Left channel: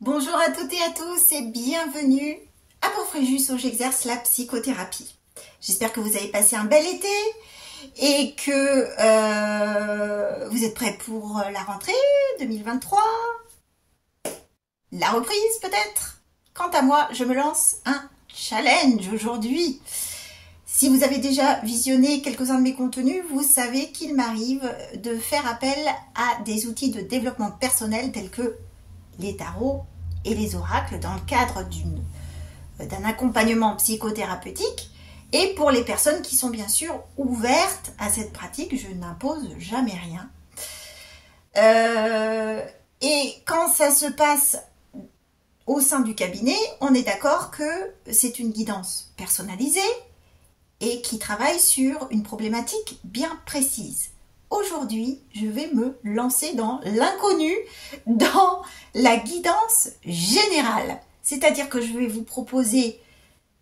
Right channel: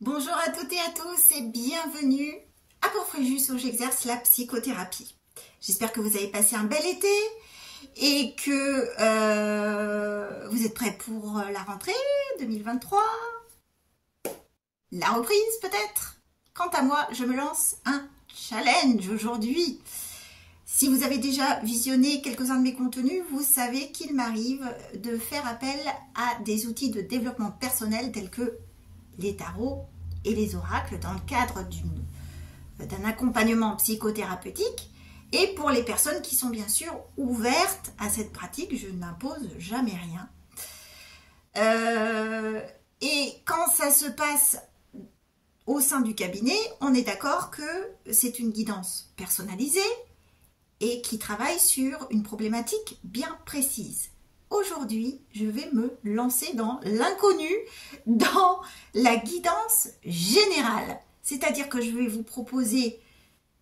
Bonjour à toutes et à tous et bienvenue à Porfréjus où j'exerce la psychothérapie. J'espère que vous avez passé un bel été et que vous êtes prêts pour la rentrée 2023, la reprise peut-être. Quant à moi, je me lance un challenge aujourd'hui. Si vous avez déjà visionné quelques-uns de mes contenus, vous savez qu'il m'arrive de faire appel à des outils de développement personnel tels que les tarots et les oracles dans le cadre d'un accompagnement psychothérapeutique. Et pour les personnes qui sont bien sûr ouvertes à cette pratique, je n'impose jamais rien. Et quand ça se passe au sein du cabinet, on est d'accord que c'est une guidance personnalisée et qui travaille sur une problématique bien précise. Aujourd'hui, je vais me lancer dans l'inconnu, dans la guidance générale. C'est-à-dire que je vais vous proposer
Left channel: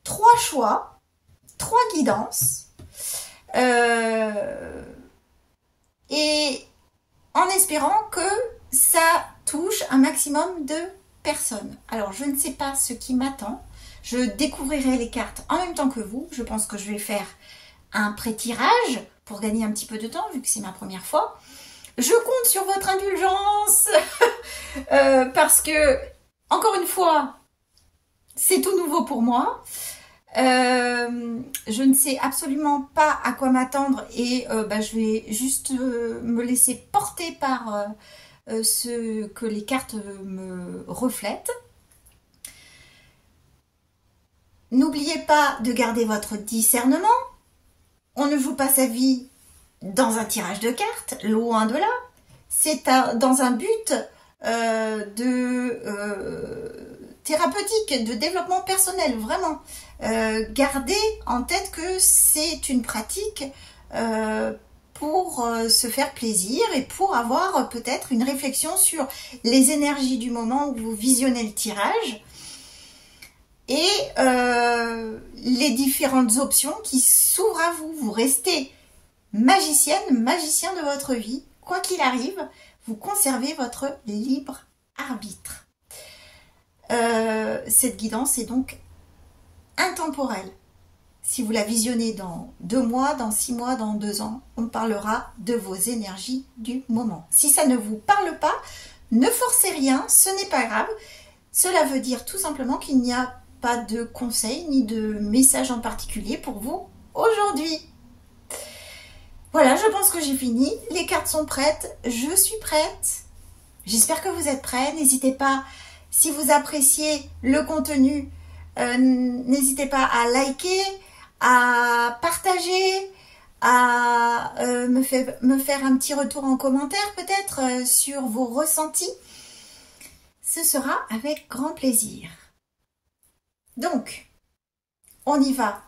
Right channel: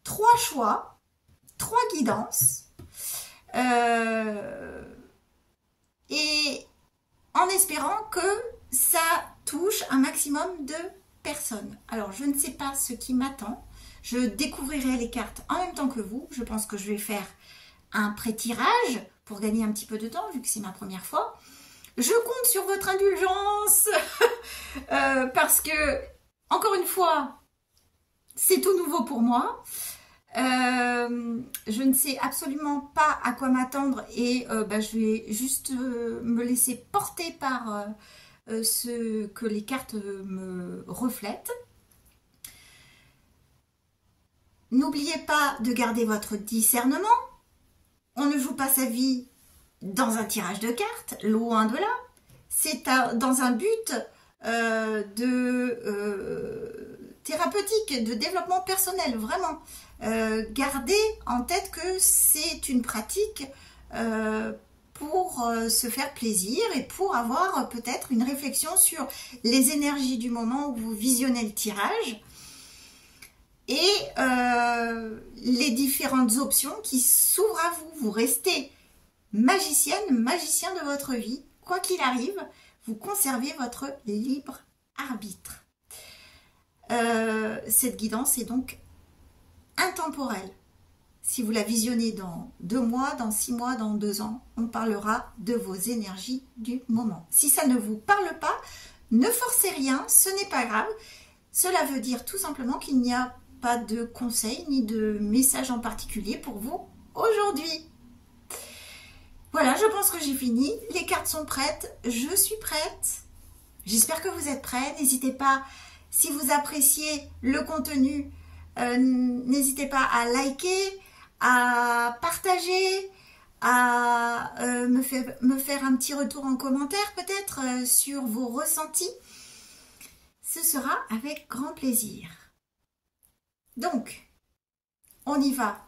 3 choix, 3 guidances, et en espérant que ça touche un maximum de personnes. Alors, je ne sais pas ce qui m'attend. Je découvrirai les cartes en même temps que vous. Je pense que je vais faire un pré-tirage pour gagner un petit peu de temps, vu que c'est ma première fois. Je compte sur votre indulgence parce que, encore une fois, c'est tout nouveau pour moi. Je ne sais absolument pas à quoi m'attendre et je vais juste me laisser porter par ce que les cartes me reflètent. N'oubliez pas de garder votre discernement. On ne joue pas sa vie dans un tirage de cartes, loin de là. C'est dans un but thérapeutique, de développement personnel, vraiment. Gardez en tête que c'est une pratique pour se faire plaisir et pour avoir peut-être une réflexion sur les énergies du moment où vous visionnez le tirage et les différentes options qui s'ouvrent à vous. Vous restez magicienne, magicien de votre vie. Quoi qu'il arrive, vous conservez votre libre arbitre. Cette guidance est donc intemporelle. Si vous la visionnez dans 2 mois, dans 6 mois, dans 2 ans, on parlera de vos énergies du moment. Si ça ne vous parle pas, ne forcez rien, ce n'est pas grave. Cela veut dire tout simplement qu'il n'y a pas de conseil ni de message en particulier pour vous aujourd'hui. Voilà, je pense que j'ai fini. Les cartes sont prêtes, je suis prête. J'espère que vous êtes prêts. N'hésitez pas, si vous appréciez le contenu, n'hésitez pas à liker, à partager, à me faire un petit retour en commentaire peut-être sur vos ressentis. Ce sera avec grand plaisir. Donc, on y va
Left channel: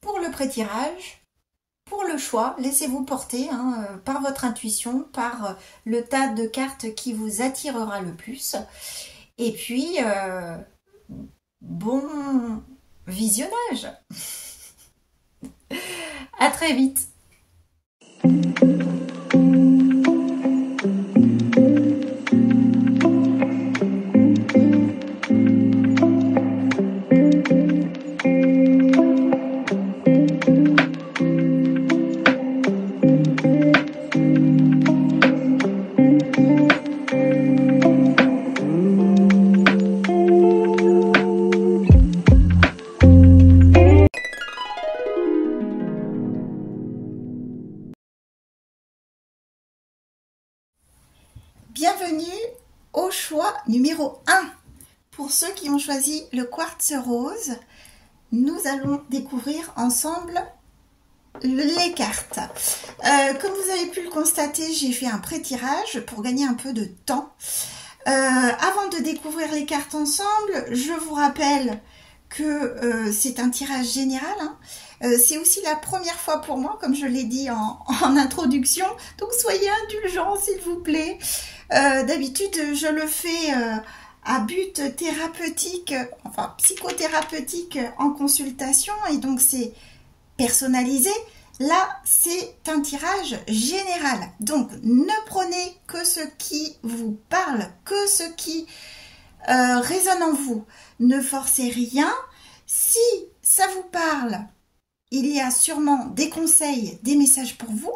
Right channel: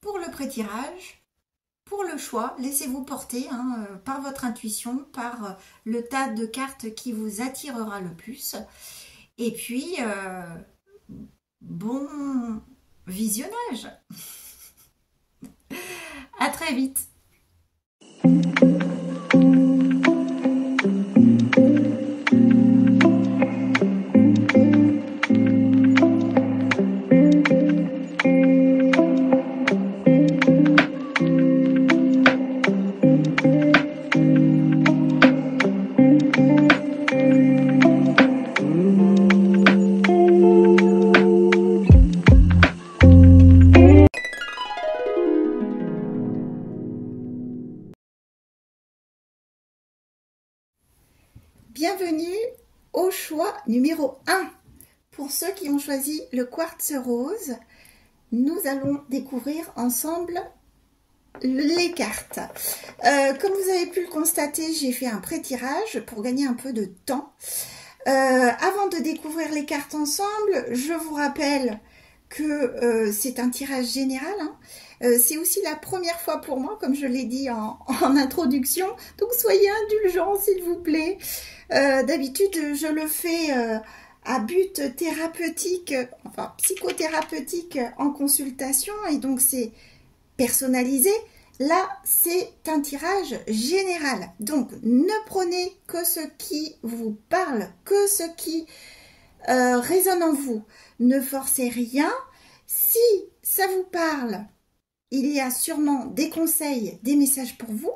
pour le pré-tirage, pour le choix. Laissez-vous porter par votre intuition, par le tas de cartes qui vous attirera le plus. Et puis, bon visionnage. À très vite. Bienvenue au choix numéro 1. Pour ceux qui ont choisi le quartz rose, nous allons découvrir ensemble les cartes. Comme vous avez pu le constater, j'ai fait un pré-tirage pour gagner un peu de temps. Avant de découvrir les cartes ensemble, je vous rappelle que c'est un tirage général. C'est aussi la première fois pour moi, comme je l'ai dit en introduction. Donc soyez indulgents, s'il vous plaît. D'habitude, je le fais à but thérapeutique, enfin psychothérapeutique en consultation. Et donc c'est personnalisé. Là, c'est un tirage général. Donc, ne prenez que ce qui vous parle, que ce qui résonne en vous. Ne forcez rien. Si ça vous parle, il y a sûrement des conseils, des messages pour vous.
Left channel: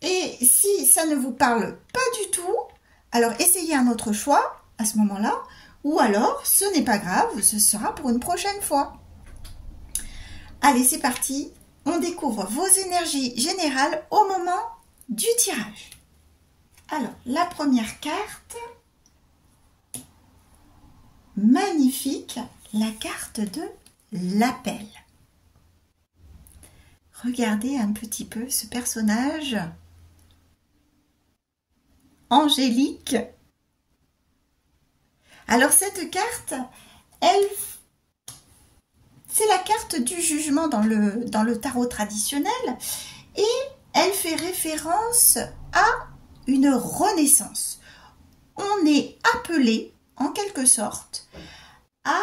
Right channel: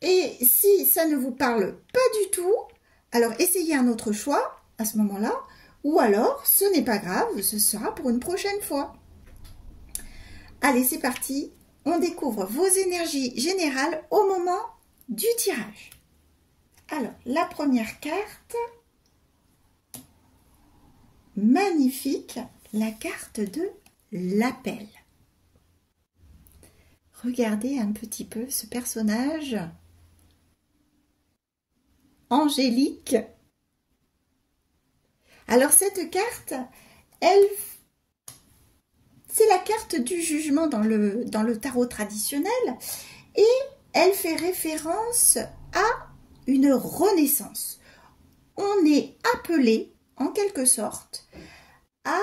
Et si ça ne vous parle pas du tout, alors essayez un autre choix à ce moment-là. Ou alors, ce n'est pas grave, ce sera pour une prochaine fois. Allez, c'est parti. On découvre vos énergies générales au moment du tirage. Alors, la première carte, magnifique, la carte de l'appel. Regardez un petit peu ce personnage angélique. Alors, cette carte, c'est la carte du jugement dans le tarot traditionnel et elle fait référence à une renaissance. On est appelé, en quelque sorte, à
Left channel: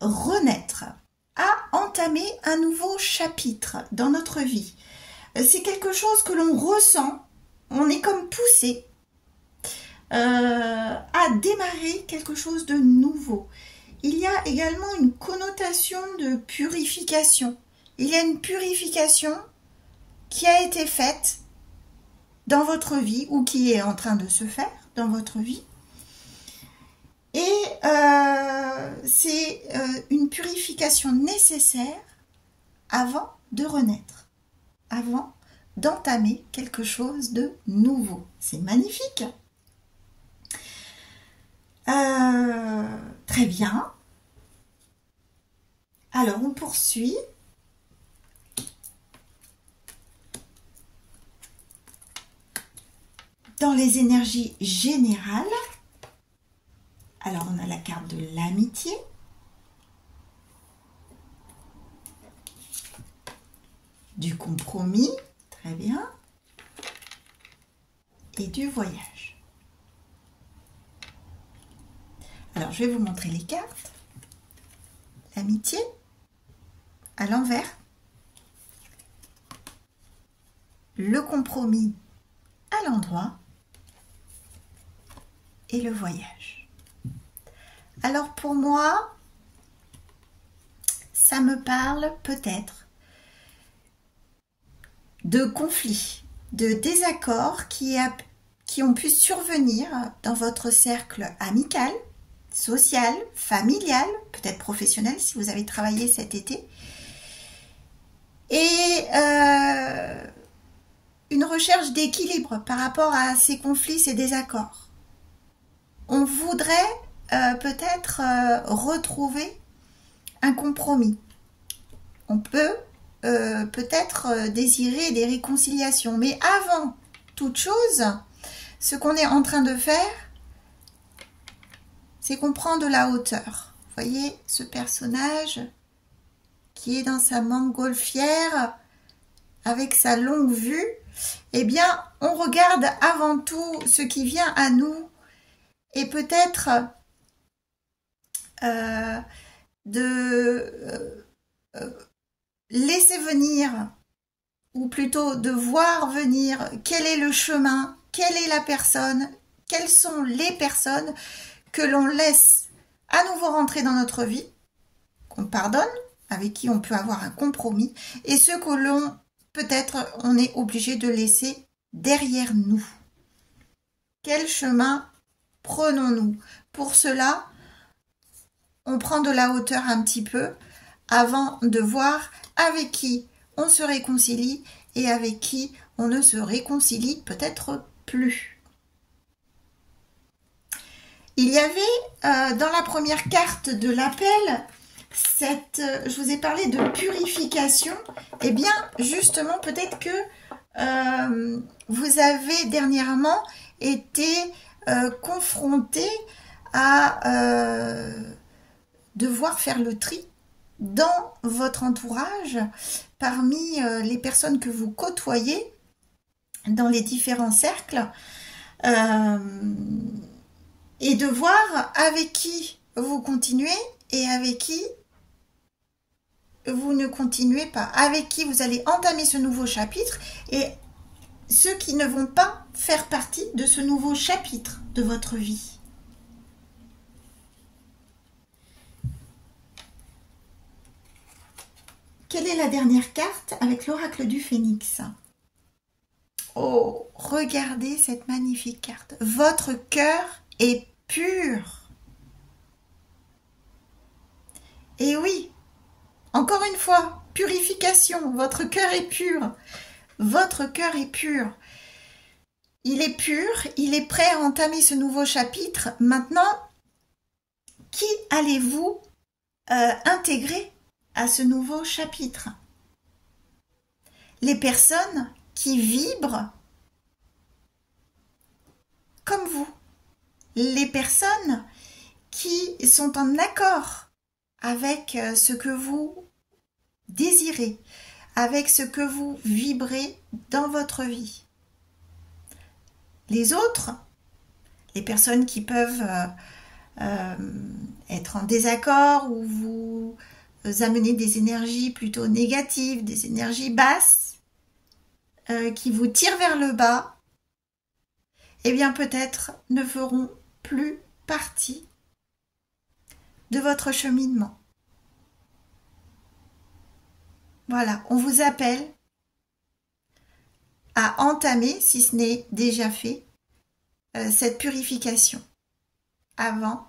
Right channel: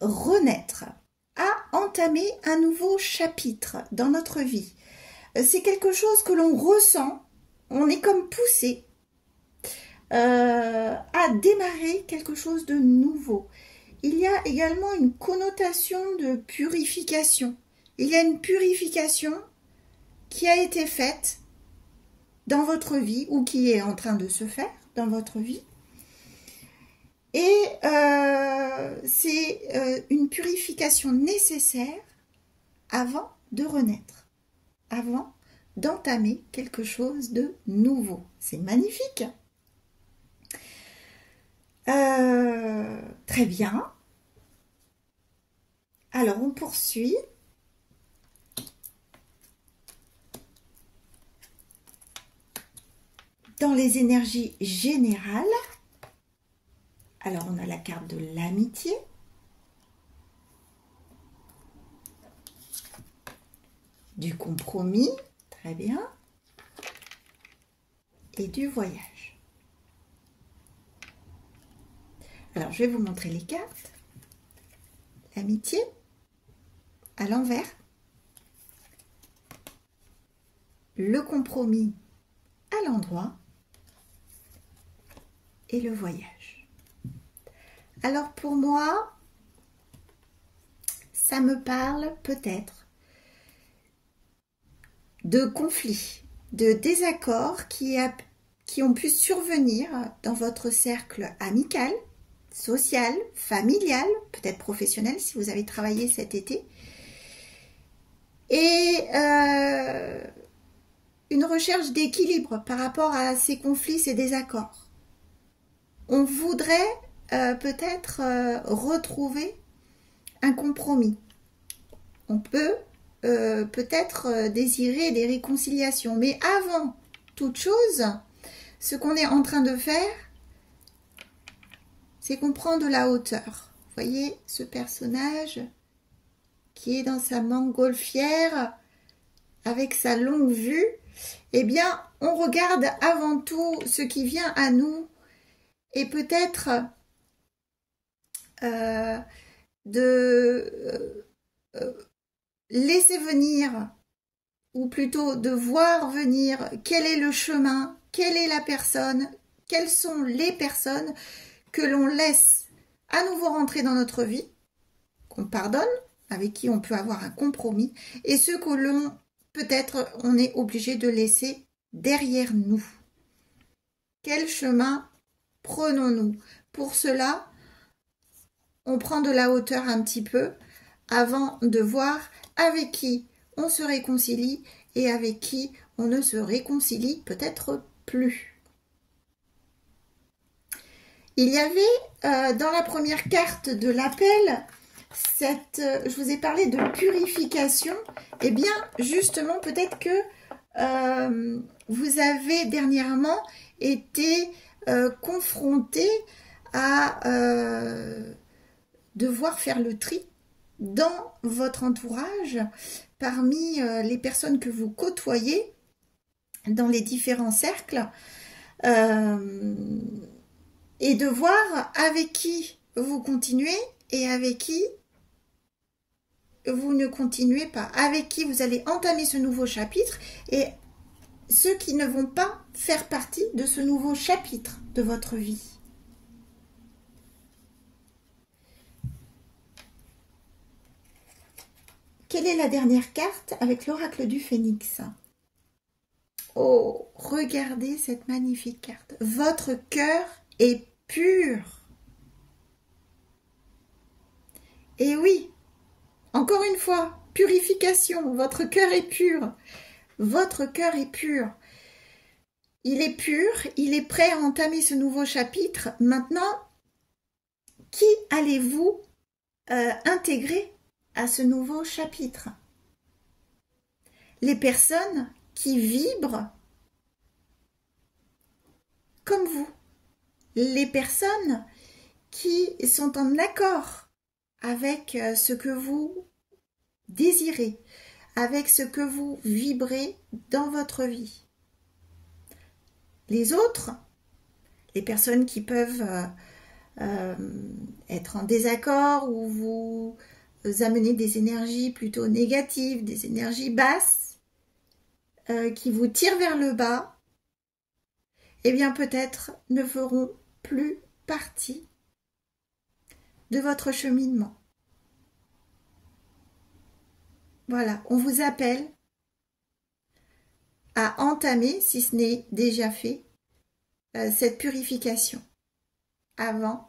renaître, à entamer un nouveau chapitre dans notre vie. C'est quelque chose que l'on ressent, on est comme poussé à démarrer quelque chose de nouveau. Il y a également une connotation de purification. Il y a une purification qui a été faite dans votre vie ou qui est en train de se faire dans votre vie. Et c'est une purification nécessaire avant de renaître, avant d'entamer quelque chose de nouveau. C'est magnifique. Très bien. Alors, on poursuit. Dans les énergies générales, alors on a la carte de l'amitié. Du compromis, très bien. Et du voyage. Alors, je vais vous montrer les cartes. L'amitié, à l'envers. Le compromis, à l'endroit. Et le voyage. Alors, pour moi, ça me parle peut-être de conflits, de désaccords qui ont pu survenir dans votre cercle amical, social, familial, peut-être professionnel si vous avez travaillé cet été. Et une recherche d'équilibre par rapport à ces conflits, ces désaccords. On voudrait peut-être retrouver un compromis. On peut peut-être désirer des réconciliations. Mais avant toute chose, ce qu'on est en train de faire, c'est qu'on prend de la hauteur. Vous voyez ce personnage qui est dans sa montgolfière avec sa longue vue. Eh bien, on regarde avant tout ce qui vient à nous et peut-être de laisser venir, ou plutôt de voir venir quel est le chemin, quelle est la personne, quelles sont les personnes que l'on laisse à nouveau rentrer dans notre vie, qu'on pardonne, avec qui on peut avoir un compromis, et ceux que l'on, peut-être, on est obligé de laisser derrière nous. Quel chemin prenons-nous? Pour cela, on prend de la hauteur un petit peu avant de voir avec qui on se réconcilie et avec qui on ne se réconcilie peut-être plus. Il y avait dans la première carte de l'appel, je vous ai parlé de purification. Eh bien, justement, peut-être que vous avez dernièrement été confronté à devoir faire le tri dans votre entourage, parmi les personnes que vous côtoyez dans les différents cercles, et de voir avec qui vous continuez et avec qui vous ne continuez pas, avec qui vous allez entamer ce nouveau chapitre, et ceux qui ne vont pas faire partie de ce nouveau chapitre de votre vie. Quelle est la dernière carte avec l'oracle du Phénix? Oh, regardez cette magnifique carte. Votre cœur est pur. Et oui, encore une fois, purification. Votre cœur est pur. Votre cœur est pur. Il est pur, il est prêt à entamer ce nouveau chapitre. Maintenant, qui allez-vous intégrer à ce nouveau chapitre? Les personnes qui vibrent comme vous. Les personnes qui sont en accord avec ce que vous désirez, avec ce que vous vibrez dans votre vie. Les autres, les personnes qui peuvent être en désaccord ou vous amener des énergies plutôt négatives, des énergies basses, qui vous tirent vers le bas, eh bien peut-être ne feront plus partie de votre cheminement. Voilà, on vous appelle à entamer, si ce n'est déjà fait, cette purification avant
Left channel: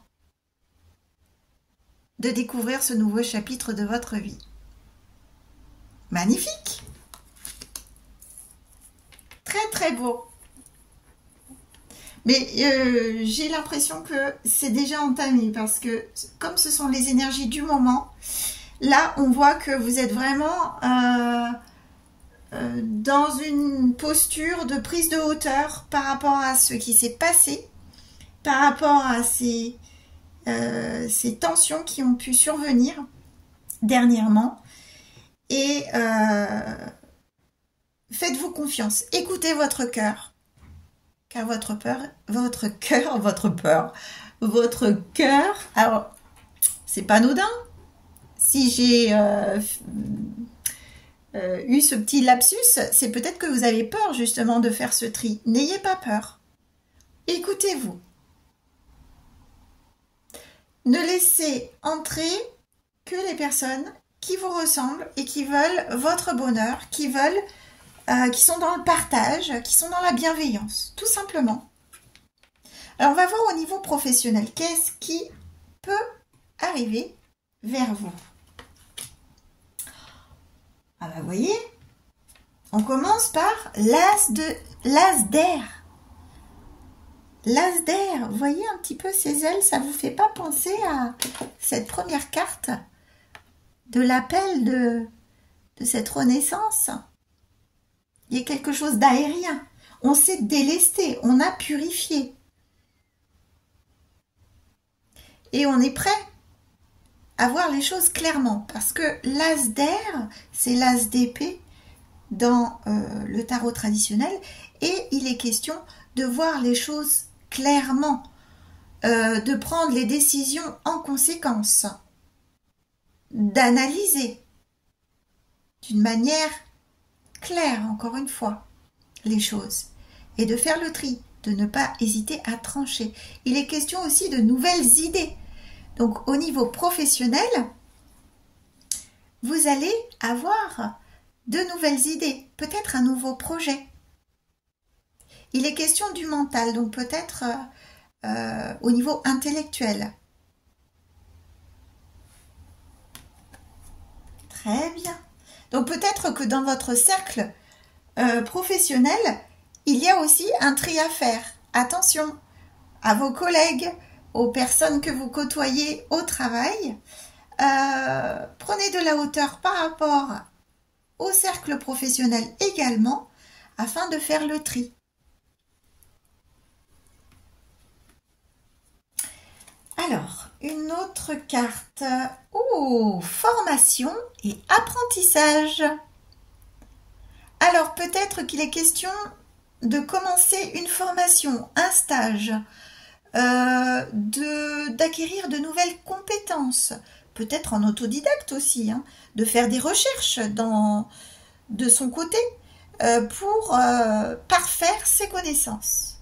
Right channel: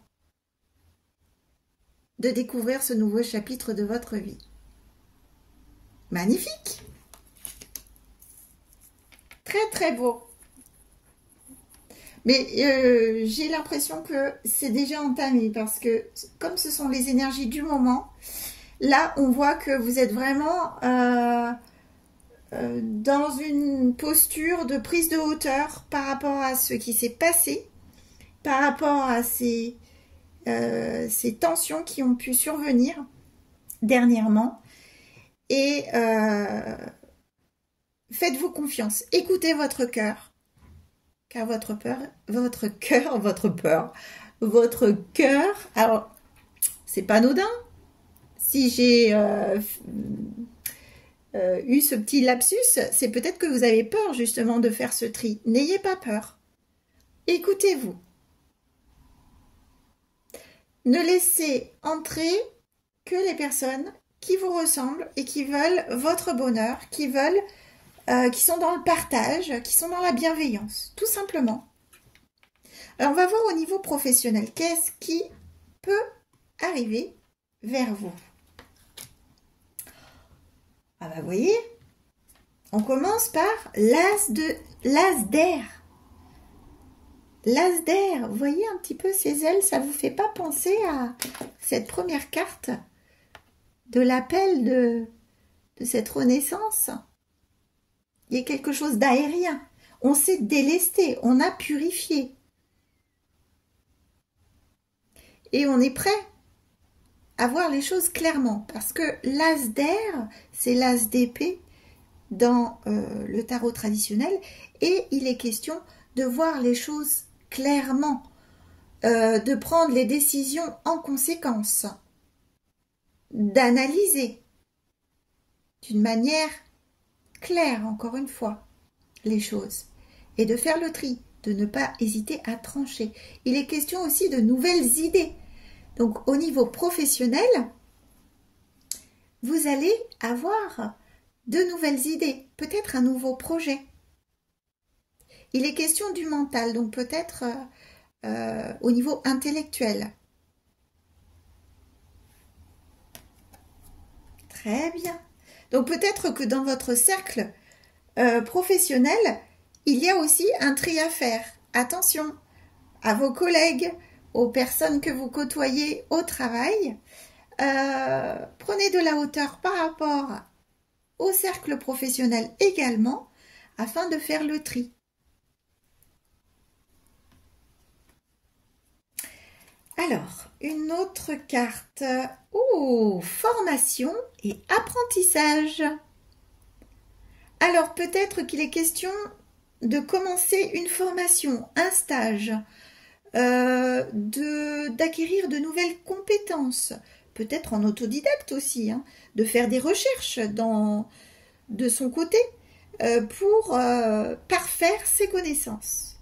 de découvrir ce nouveau chapitre de votre vie. Magnifique! Très très beau. Mais j'ai l'impression que c'est déjà entamé parce que comme ce sont les énergies du moment, là on voit que vous êtes vraiment dans une posture de prise de hauteur par rapport à ce qui s'est passé, par rapport à ces tensions qui ont pu survenir dernièrement. Et faites-vous confiance, écoutez votre cœur, car votre cœur, alors c'est pas anodin. Si j'ai eu ce petit lapsus, c'est peut-être que vous avez peur justement de faire ce tri. N'ayez pas peur. Écoutez-vous. Ne laissez entrer que les personnes qui vous ressemblent et qui veulent votre bonheur, qui sont dans le partage, qui sont dans la bienveillance, tout simplement. Alors on va voir au niveau professionnel, qu'est-ce qui peut arriver vers vous? Ah bah vous voyez, on commence par l'as d'air. L'as d'air, vous voyez un petit peu ses ailes, ça vous fait pas penser à cette première carte de l'appel de cette renaissance? Il y a quelque chose d'aérien. On s'est délesté, on a purifié. Et on est prêt à voir les choses clairement. Parce que l'as d'air, c'est l'as d'épée dans le tarot traditionnel. Et il est question de voir les choses clairement, de prendre les décisions en conséquence, d'analyser d'une manière claire, encore une fois, les choses, et de faire le tri, de ne pas hésiter à trancher. Il est question aussi de nouvelles idées. Donc au niveau professionnel, vous allez avoir de nouvelles idées, peut-être un nouveau projet. Il est question du mental, donc peut-être au niveau intellectuel. Très bien. Donc peut-être que dans votre cercle professionnel, il y a aussi un tri à faire. Attention à vos collègues, aux personnes que vous côtoyez au travail. Prenez de la hauteur par rapport au cercle professionnel également, afin de faire le tri. Alors, une autre carte. Oh, formation et apprentissage. Alors, peut-être qu'il est question de commencer une formation, un stage, d'acquérir de nouvelles compétences. peut-être en autodidacte aussi, hein, de faire des recherches de son côté pour parfaire ses connaissances.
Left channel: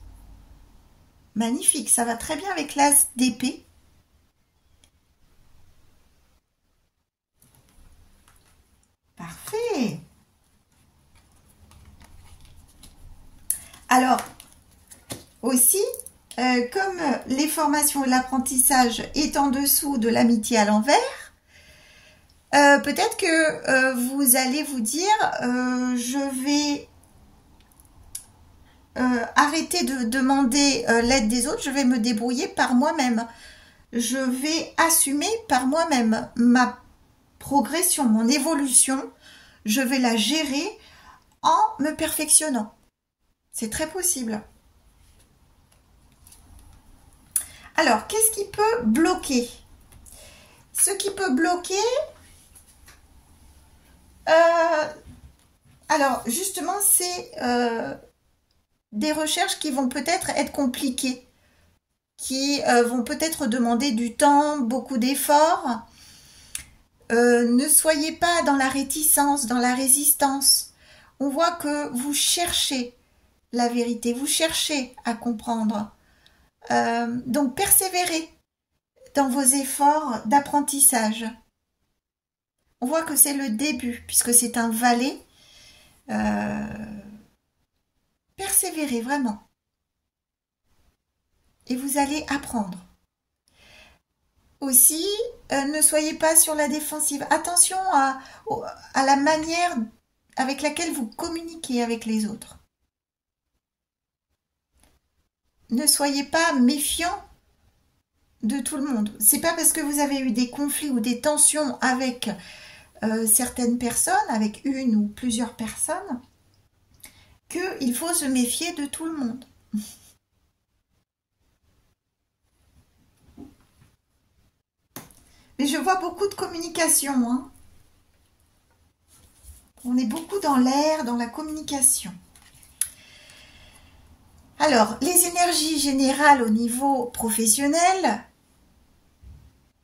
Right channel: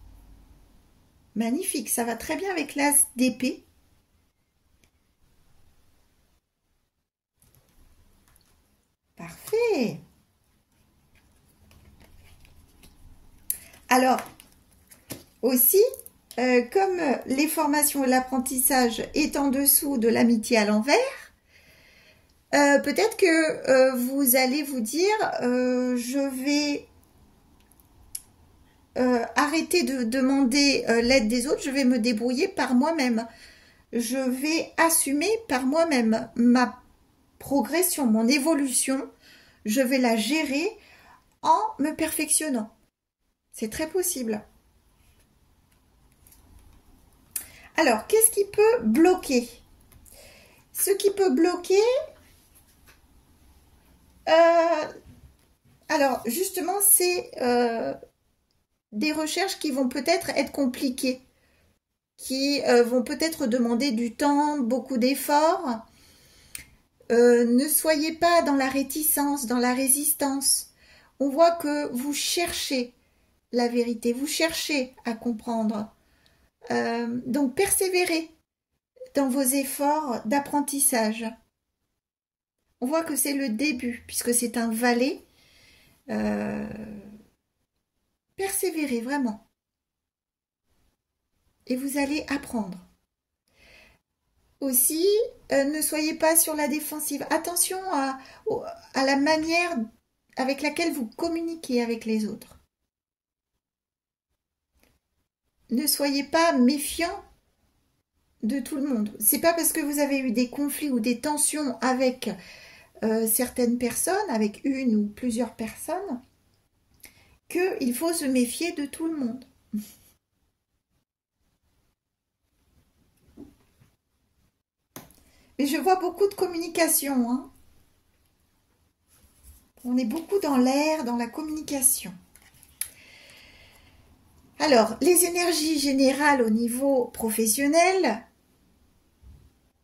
Magnifique, ça va très bien avec l'as d'épée. Parfait. Alors, aussi, comme les formations et l'apprentissage est en dessous de l'amitié à l'envers, peut-être que vous allez vous dire, je vais arrêter de demander l'aide des autres, je vais me débrouiller par moi-même. Je vais assumer par moi-même ma progression, mon évolution, je vais la gérer en me perfectionnant. C'est très possible. Alors, qu'est-ce qui peut bloquer? Ce qui peut bloquer, alors justement, c'est des recherches qui vont peut-être être compliquées, qui vont peut-être demander du temps, beaucoup d'efforts. Ne soyez pas dans la réticence, dans la résistance. On voit que vous cherchez la vérité, vous cherchez à comprendre. Donc persévérez dans vos efforts d'apprentissage. On voit que c'est le début, puisque c'est un valet. Persévérez vraiment. Et vous allez apprendre. Aussi, ne soyez pas sur la défensive. Attention à la manière avec laquelle vous communiquez avec les autres. Ne soyez pas méfiant de tout le monde. C'est pas parce que vous avez eu des conflits ou des tensions avec certaines personnes, avec une ou plusieurs personnes, qu'il faut se méfier de tout le monde. Mais je vois beaucoup de communication. Hein. On est beaucoup dans l'air, dans la communication. Alors, les énergies générales au niveau professionnel,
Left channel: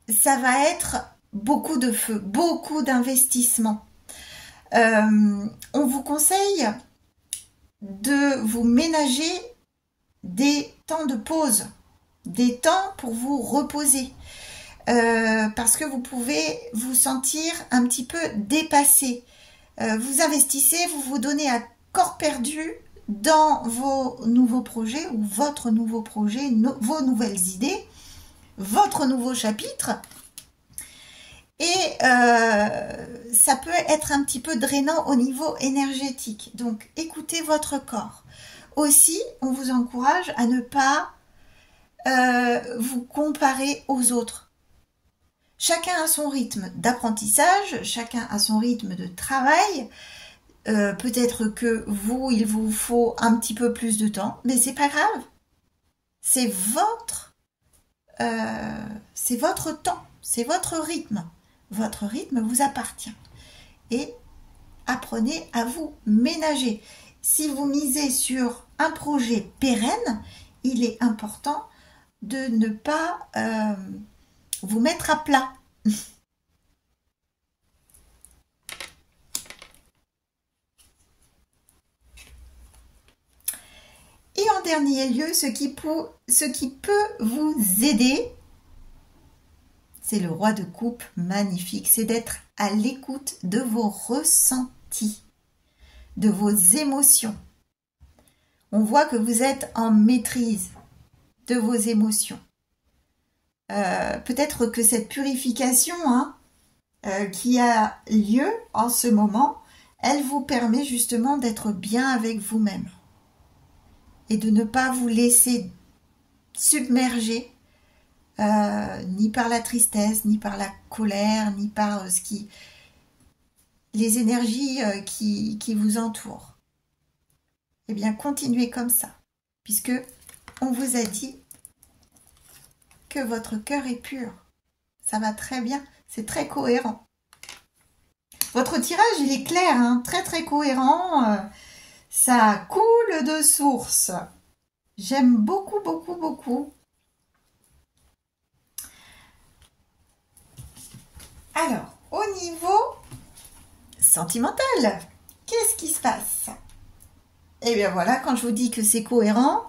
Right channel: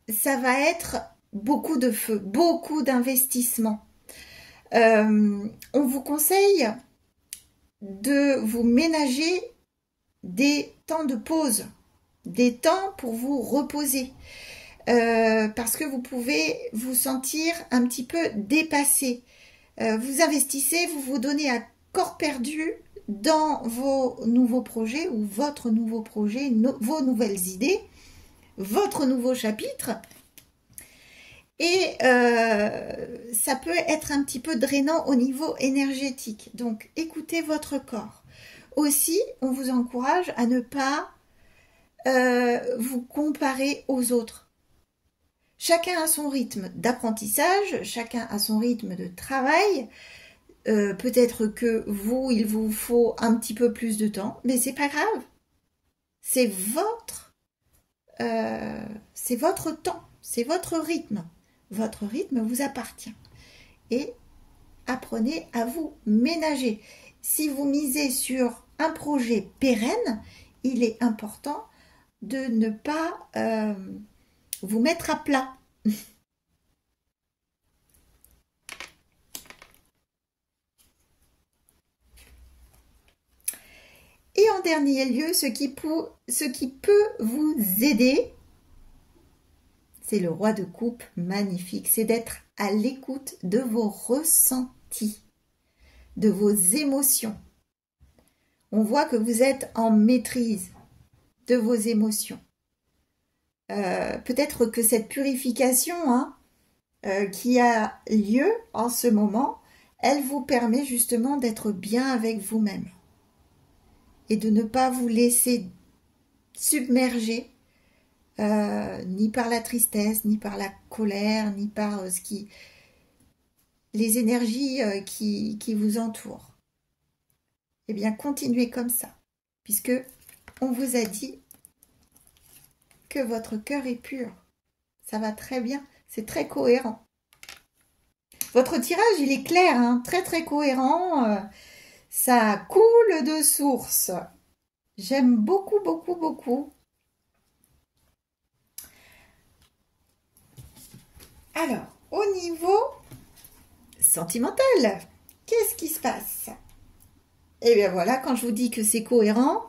ça va être beaucoup de feu, beaucoup d'investissement. On vous conseille de vous ménager des temps de pause, des temps pour vous reposer. Parce que vous pouvez vous sentir un petit peu dépassé. Vous investissez, vous vous donnez à corps perdu dans vos nouveaux projets ou votre nouveau projet, vos nouvelles idées, votre nouveau chapitre. Et ça peut être un petit peu drainant au niveau énergétique. Donc, écoutez votre corps. Aussi, on vous encourage à ne pas vous comparer aux autres. Chacun a son rythme d'apprentissage, chacun a son rythme de travail. Peut-être que vous, il vous faut un petit peu plus de temps, mais c'est pas grave. C'est votre temps, c'est votre rythme. Votre rythme vous appartient. Et apprenez à vous ménager. Si vous misez sur un projet pérenne, il est important de ne pas vous mettre à plat. Et en dernier lieu, ce qui peut vous aider, c'est le roi de coupe, magnifique, c'est d'être à l'écoute de vos ressentis, de vos émotions. On voit que vous êtes en maîtrise de vos émotions. Peut-être que cette purification qui a lieu en ce moment, elle vous permet justement d'être bien avec vous-même et de ne pas vous laisser submerger ni par la tristesse, ni par la colère, ni par les énergies qui vous entourent. Eh bien, continuez comme ça, puisque on vous a dit que votre cœur est pur. Ça va très bien, c'est très cohérent. Votre tirage, il est clair, hein, très très cohérent. Ça coule de source. J'aime beaucoup, beaucoup, beaucoup. Alors, au niveau sentimental, qu'est-ce qui se passe? Eh bien voilà, quand je vous dis que c'est cohérent,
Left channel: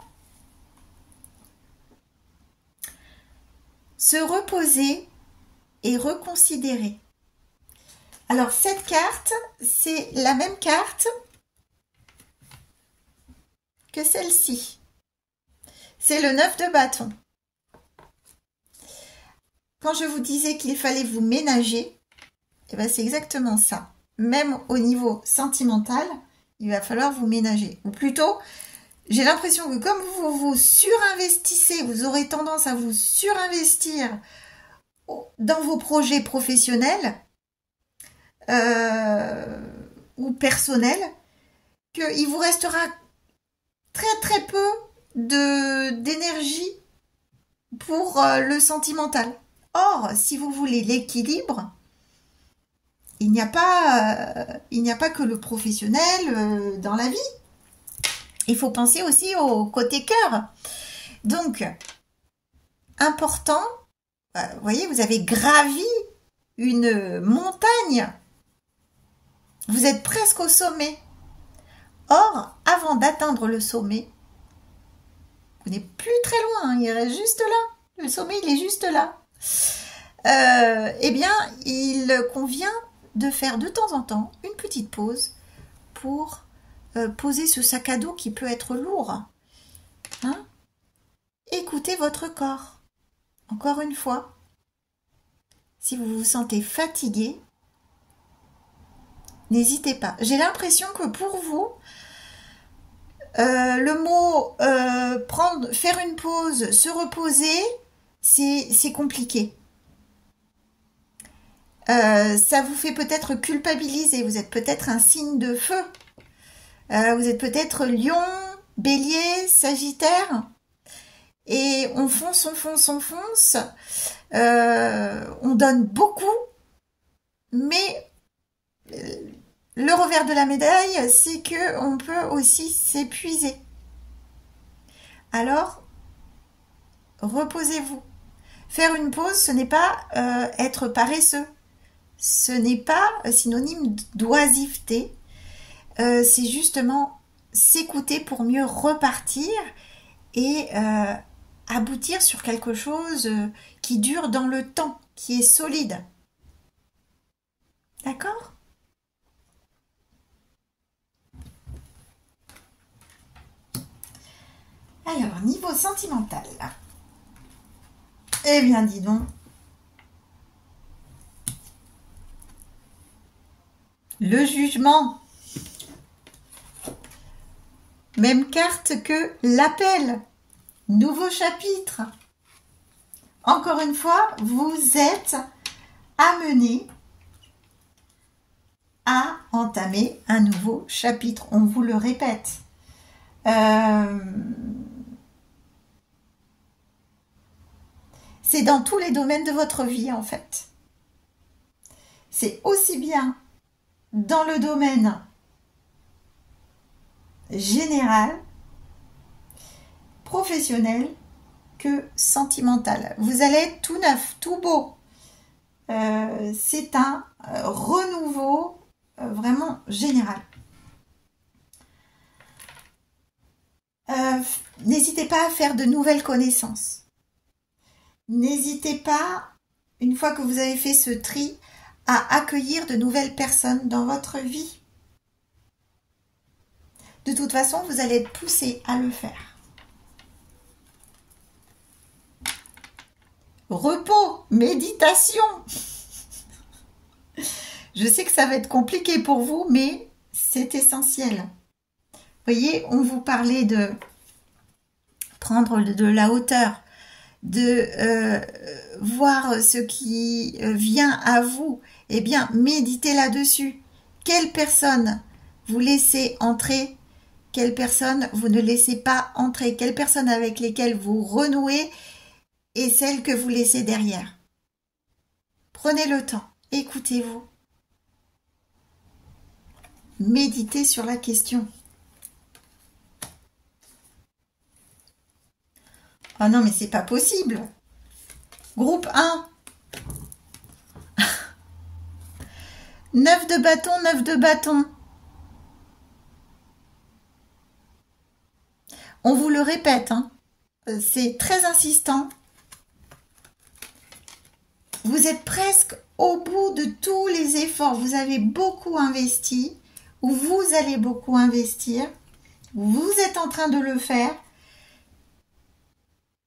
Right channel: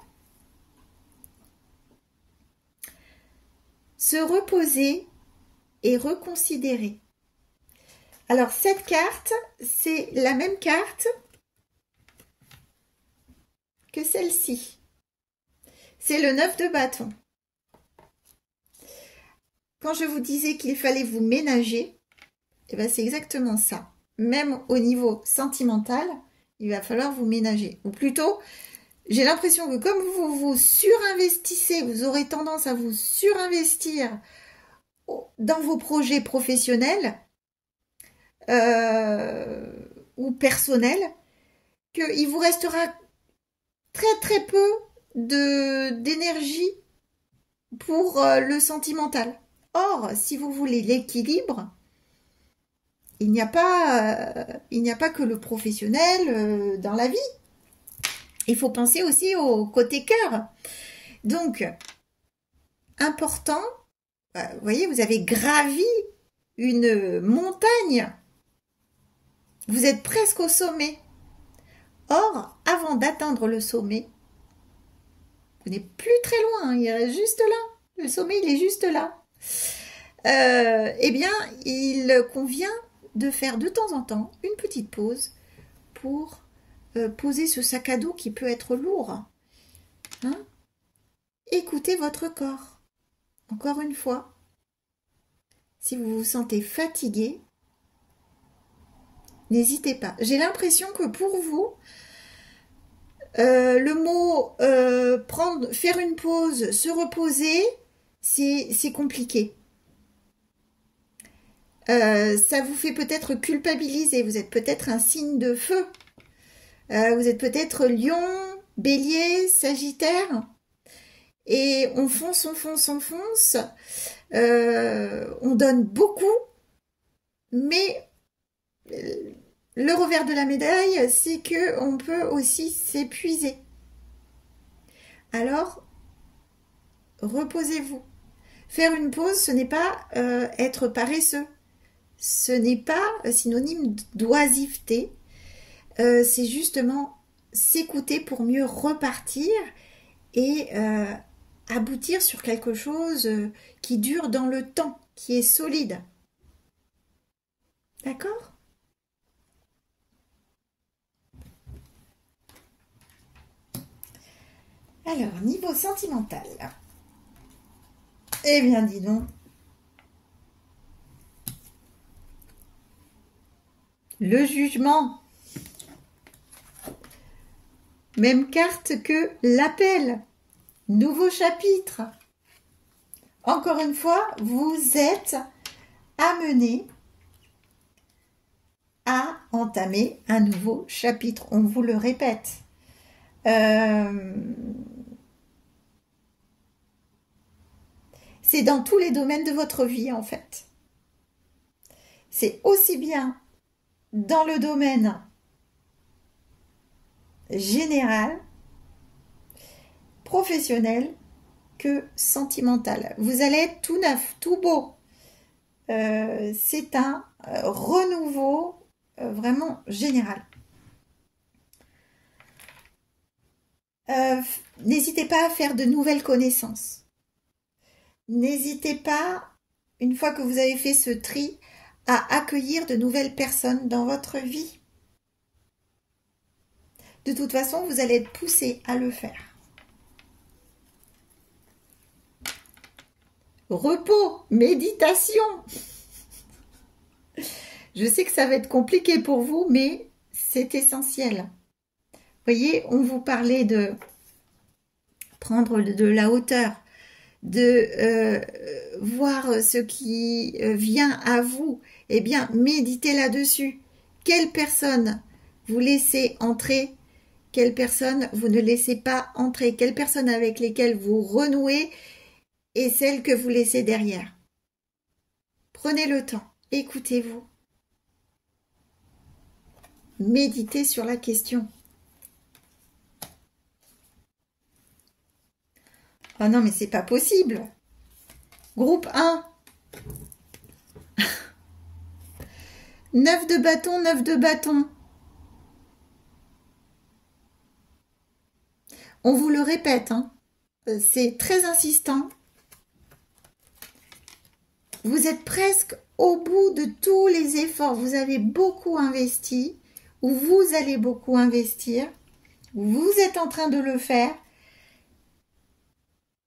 se reposer et reconsidérer. Alors cette carte, c'est la même carte que celle-ci. C'est le 9 de bâton. Quand je vous disais qu'il fallait vous ménager, eh ben c'est exactement ça. Même au niveau sentimental, il va falloir vous ménager. Ou plutôt, j'ai l'impression que comme vous vous surinvestissez, vous aurez tendance à vous surinvestir dans vos projets professionnels ou personnels, qu'il vous restera très très peu d'énergie pour le sentimental. Or, si vous voulez l'équilibre, il n'y a pas que le professionnel dans la vie. Il faut penser aussi au côté cœur. Donc, important, vous voyez, vous avez gravi une montagne. Vous êtes presque au sommet. Or, avant d'atteindre le sommet, vous n'êtes plus très loin, il est juste là. Le sommet, il est juste là. Eh bien, il convient de faire de temps en temps une petite pause pour poser ce sac à dos qui peut être lourd. Hein? Écoutez votre corps. Encore une fois, si vous vous sentez fatigué, n'hésitez pas. J'ai l'impression que pour vous, le mot faire une pause, se reposer, c'est compliqué. Ça vous fait peut-être culpabiliser. Vous êtes peut-être un signe de feu. Vous êtes peut-être lion, bélier, sagittaire. Et on fonce, on fonce, on fonce. On donne beaucoup. Mais le revers de la médaille, c'est qu'on peut aussi s'épuiser. Alors, reposez-vous. Faire une pause, ce n'est pas être paresseux. Ce n'est pas synonyme d'oisiveté. C'est justement s'écouter pour mieux repartir et aboutir sur quelque chose qui dure dans le temps, qui est solide. D'accord ? Alors, niveau sentimental. Eh bien, dis donc. Le jugement. Même carte que l'appel. Nouveau chapitre. Encore une fois, vous êtes amené à entamer un nouveau chapitre. On vous le répète. C'est dans tous les domaines de votre vie, en fait. C'est aussi bien dans le domaine général, professionnel, que sentimental. Vous allez être tout neuf, tout beau. C'est un renouveau vraiment général. N'hésitez pas à faire de nouvelles connaissances. N'hésitez pas, une fois que vous avez fait ce tri, à accueillir de nouvelles personnes dans votre vie. De toute façon, vous allez être poussé à le faire. Repos, méditation. Je sais que ça va être compliqué pour vous, mais c'est essentiel. Vous voyez, on vous parlait de prendre de la hauteur, de voir ce qui vient à vous. Eh bien, méditez là-dessus. Quelle personne vous laissez entrer? Quelles personnes vous ne laissez pas entrer? Quelles personnes avec lesquelles vous renouez et celles que vous laissez derrière? Prenez le temps, écoutez-vous. Méditez sur la question. Ah non, mais c'est pas possible. Groupe 1. 9 de bâton, 9 de bâton. On vous le répète, hein, c'est très insistant. Vous êtes presque au bout de tous les efforts. Vous avez beaucoup investi, ou vous allez beaucoup investir. Vous êtes en train de le faire.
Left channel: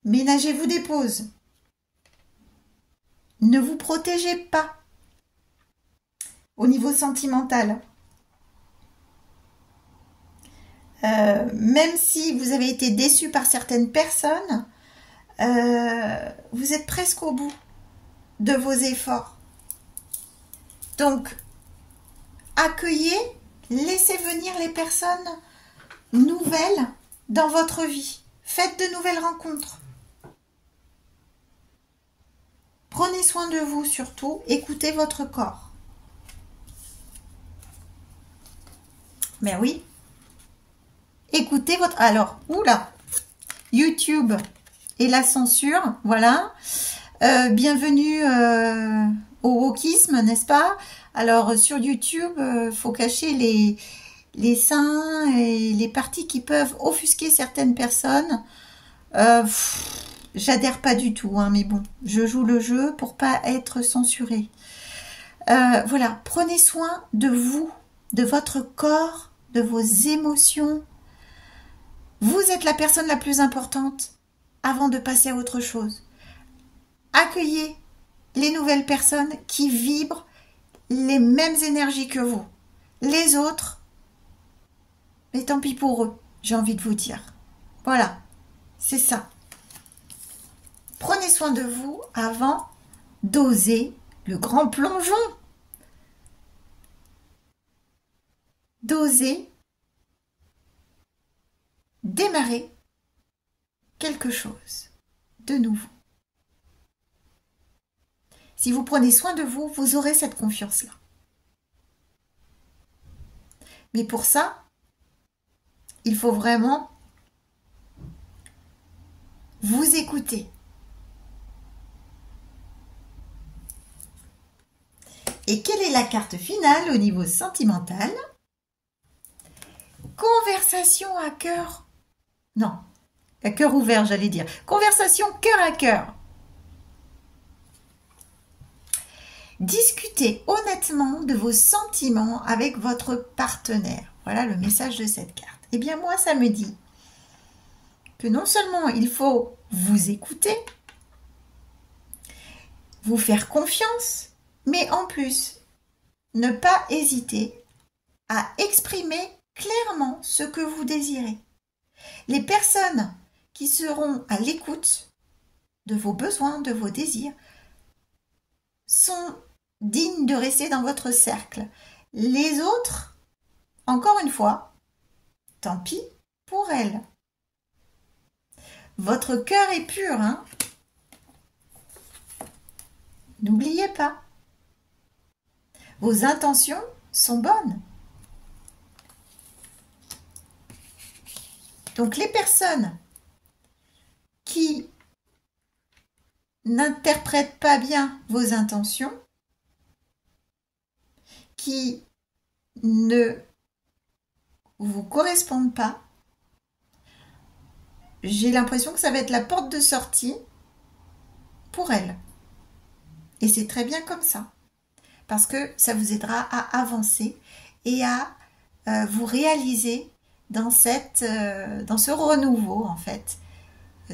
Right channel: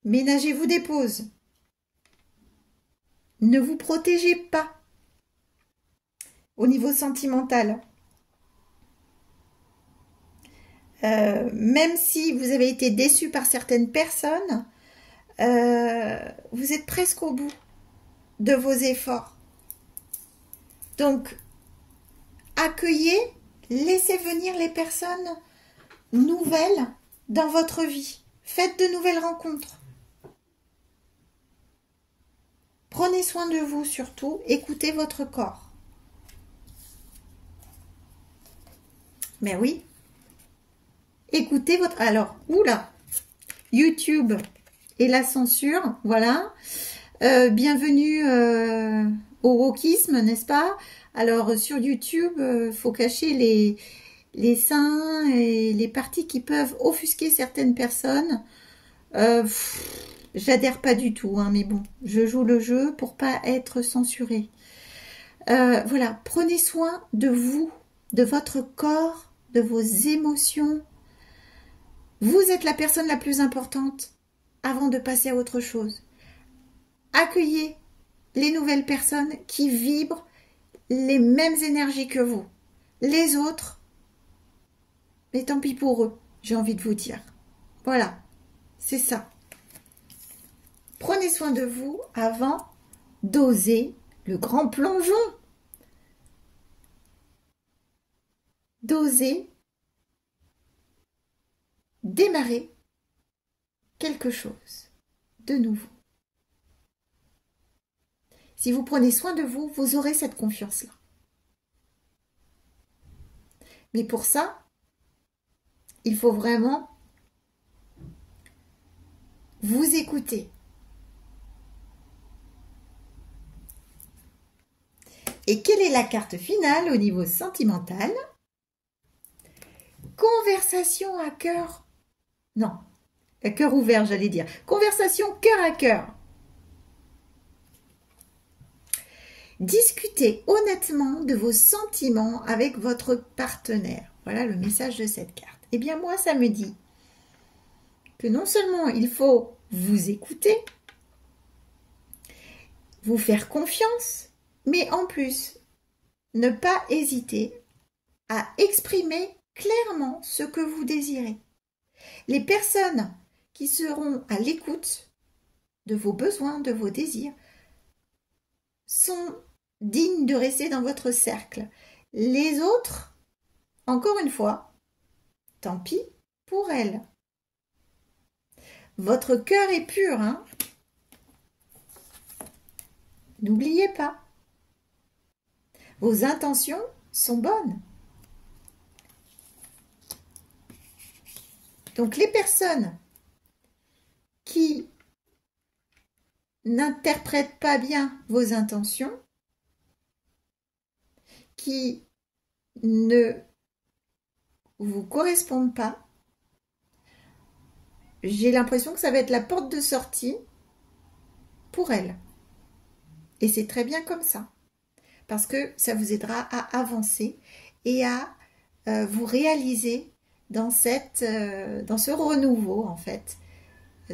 Ménagez-vous des pauses. Ne vous protégez pas au niveau sentimental. Même si vous avez été déçu par certaines personnes, vous êtes presque au bout de vos efforts. Donc, accueillez, laissez venir les personnes nouvelles dans votre vie. Faites de nouvelles rencontres. Prenez soin de vous surtout, écoutez votre corps. Mais oui, écoutez votre... Alors, oula, YouTube et la censure, voilà. Bienvenue au wokisme, n'est-ce pas? Alors, sur YouTube, faut cacher les seins et les parties qui peuvent offusquer certaines personnes. J'adhère pas du tout, hein, mais bon, je joue le jeu pour pas être censurée. Voilà, prenez soin de vous, de votre corps, de vos émotions. Vous êtes la personne la plus importante avant de passer à autre chose. Accueillez les nouvelles personnes qui vibrent les mêmes énergies que vous. Les autres, mais tant pis pour eux, j'ai envie de vous dire. Voilà, c'est ça. Prenez soin de vous avant d'oser le grand plongeon. D'oser démarrer quelque chose de nouveau. Si vous prenez soin de vous, vous aurez cette confiance-là. Mais pour ça, il faut vraiment vous écouter. Et quelle est la carte finale au niveau sentimental? Conversation à cœur. Non, à cœur ouvert, j'allais dire. Conversation cœur à cœur. Discutez honnêtement de vos sentiments avec votre partenaire. Voilà le message de cette carte. Eh bien, moi, ça me dit que non seulement il faut vous écouter, vous faire confiance, mais en plus, ne pas hésiter à exprimer clairement ce que vous désirez. Les personnes qui seront à l'écoute de vos besoins, de vos désirs, sont dignes de rester dans votre cercle. Les autres, encore une fois, tant pis pour elles. Votre cœur est pur, hein? N'oubliez pas. Vos intentions sont bonnes. Donc les personnes qui n'interprètent pas bien vos intentions, qui ne vous correspondent pas, j'ai l'impression que ça va être la porte de sortie pour elles. Et c'est très bien comme ça, parce que ça vous aidera à avancer et à vous réaliser dans ce renouveau, en fait,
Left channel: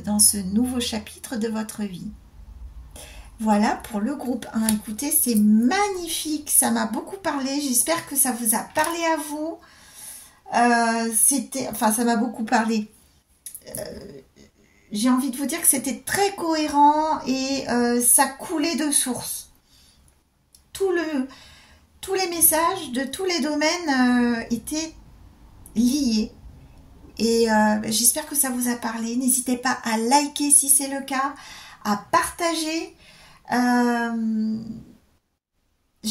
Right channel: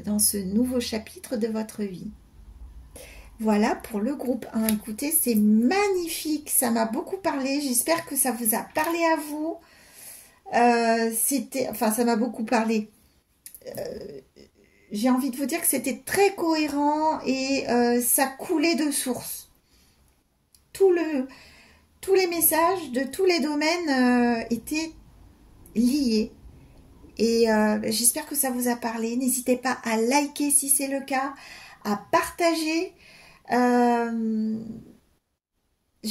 dans ce nouveau chapitre de votre vie. Voilà pour le groupe 1. Écoutez, c'est magnifique, ça m'a beaucoup parlé. J'espère que ça vous a parlé à vous. Ça m'a beaucoup parlé. J'ai envie de vous dire que c'était très cohérent et ça coulait de source. Tous les messages de tous les domaines étaient liés. Et j'espère que ça vous a parlé. N'hésitez pas à liker si c'est le cas, à partager. Je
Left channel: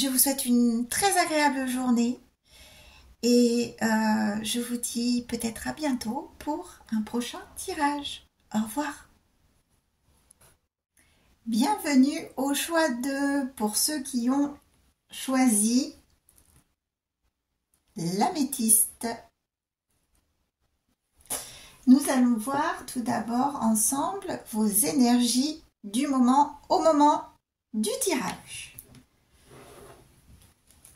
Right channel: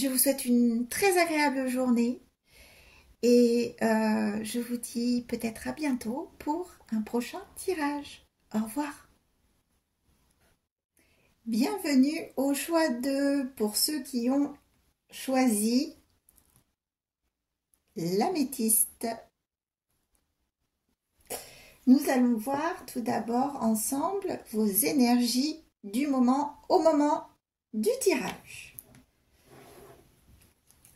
vous souhaite une très agréable journée et je vous dis peut-être à bientôt pour un prochain tirage. Au revoir. Bienvenue au choix 2 pour ceux qui ont choisi l'améthyste. Nous allons voir tout d'abord ensemble vos énergies du moment au moment du tirage.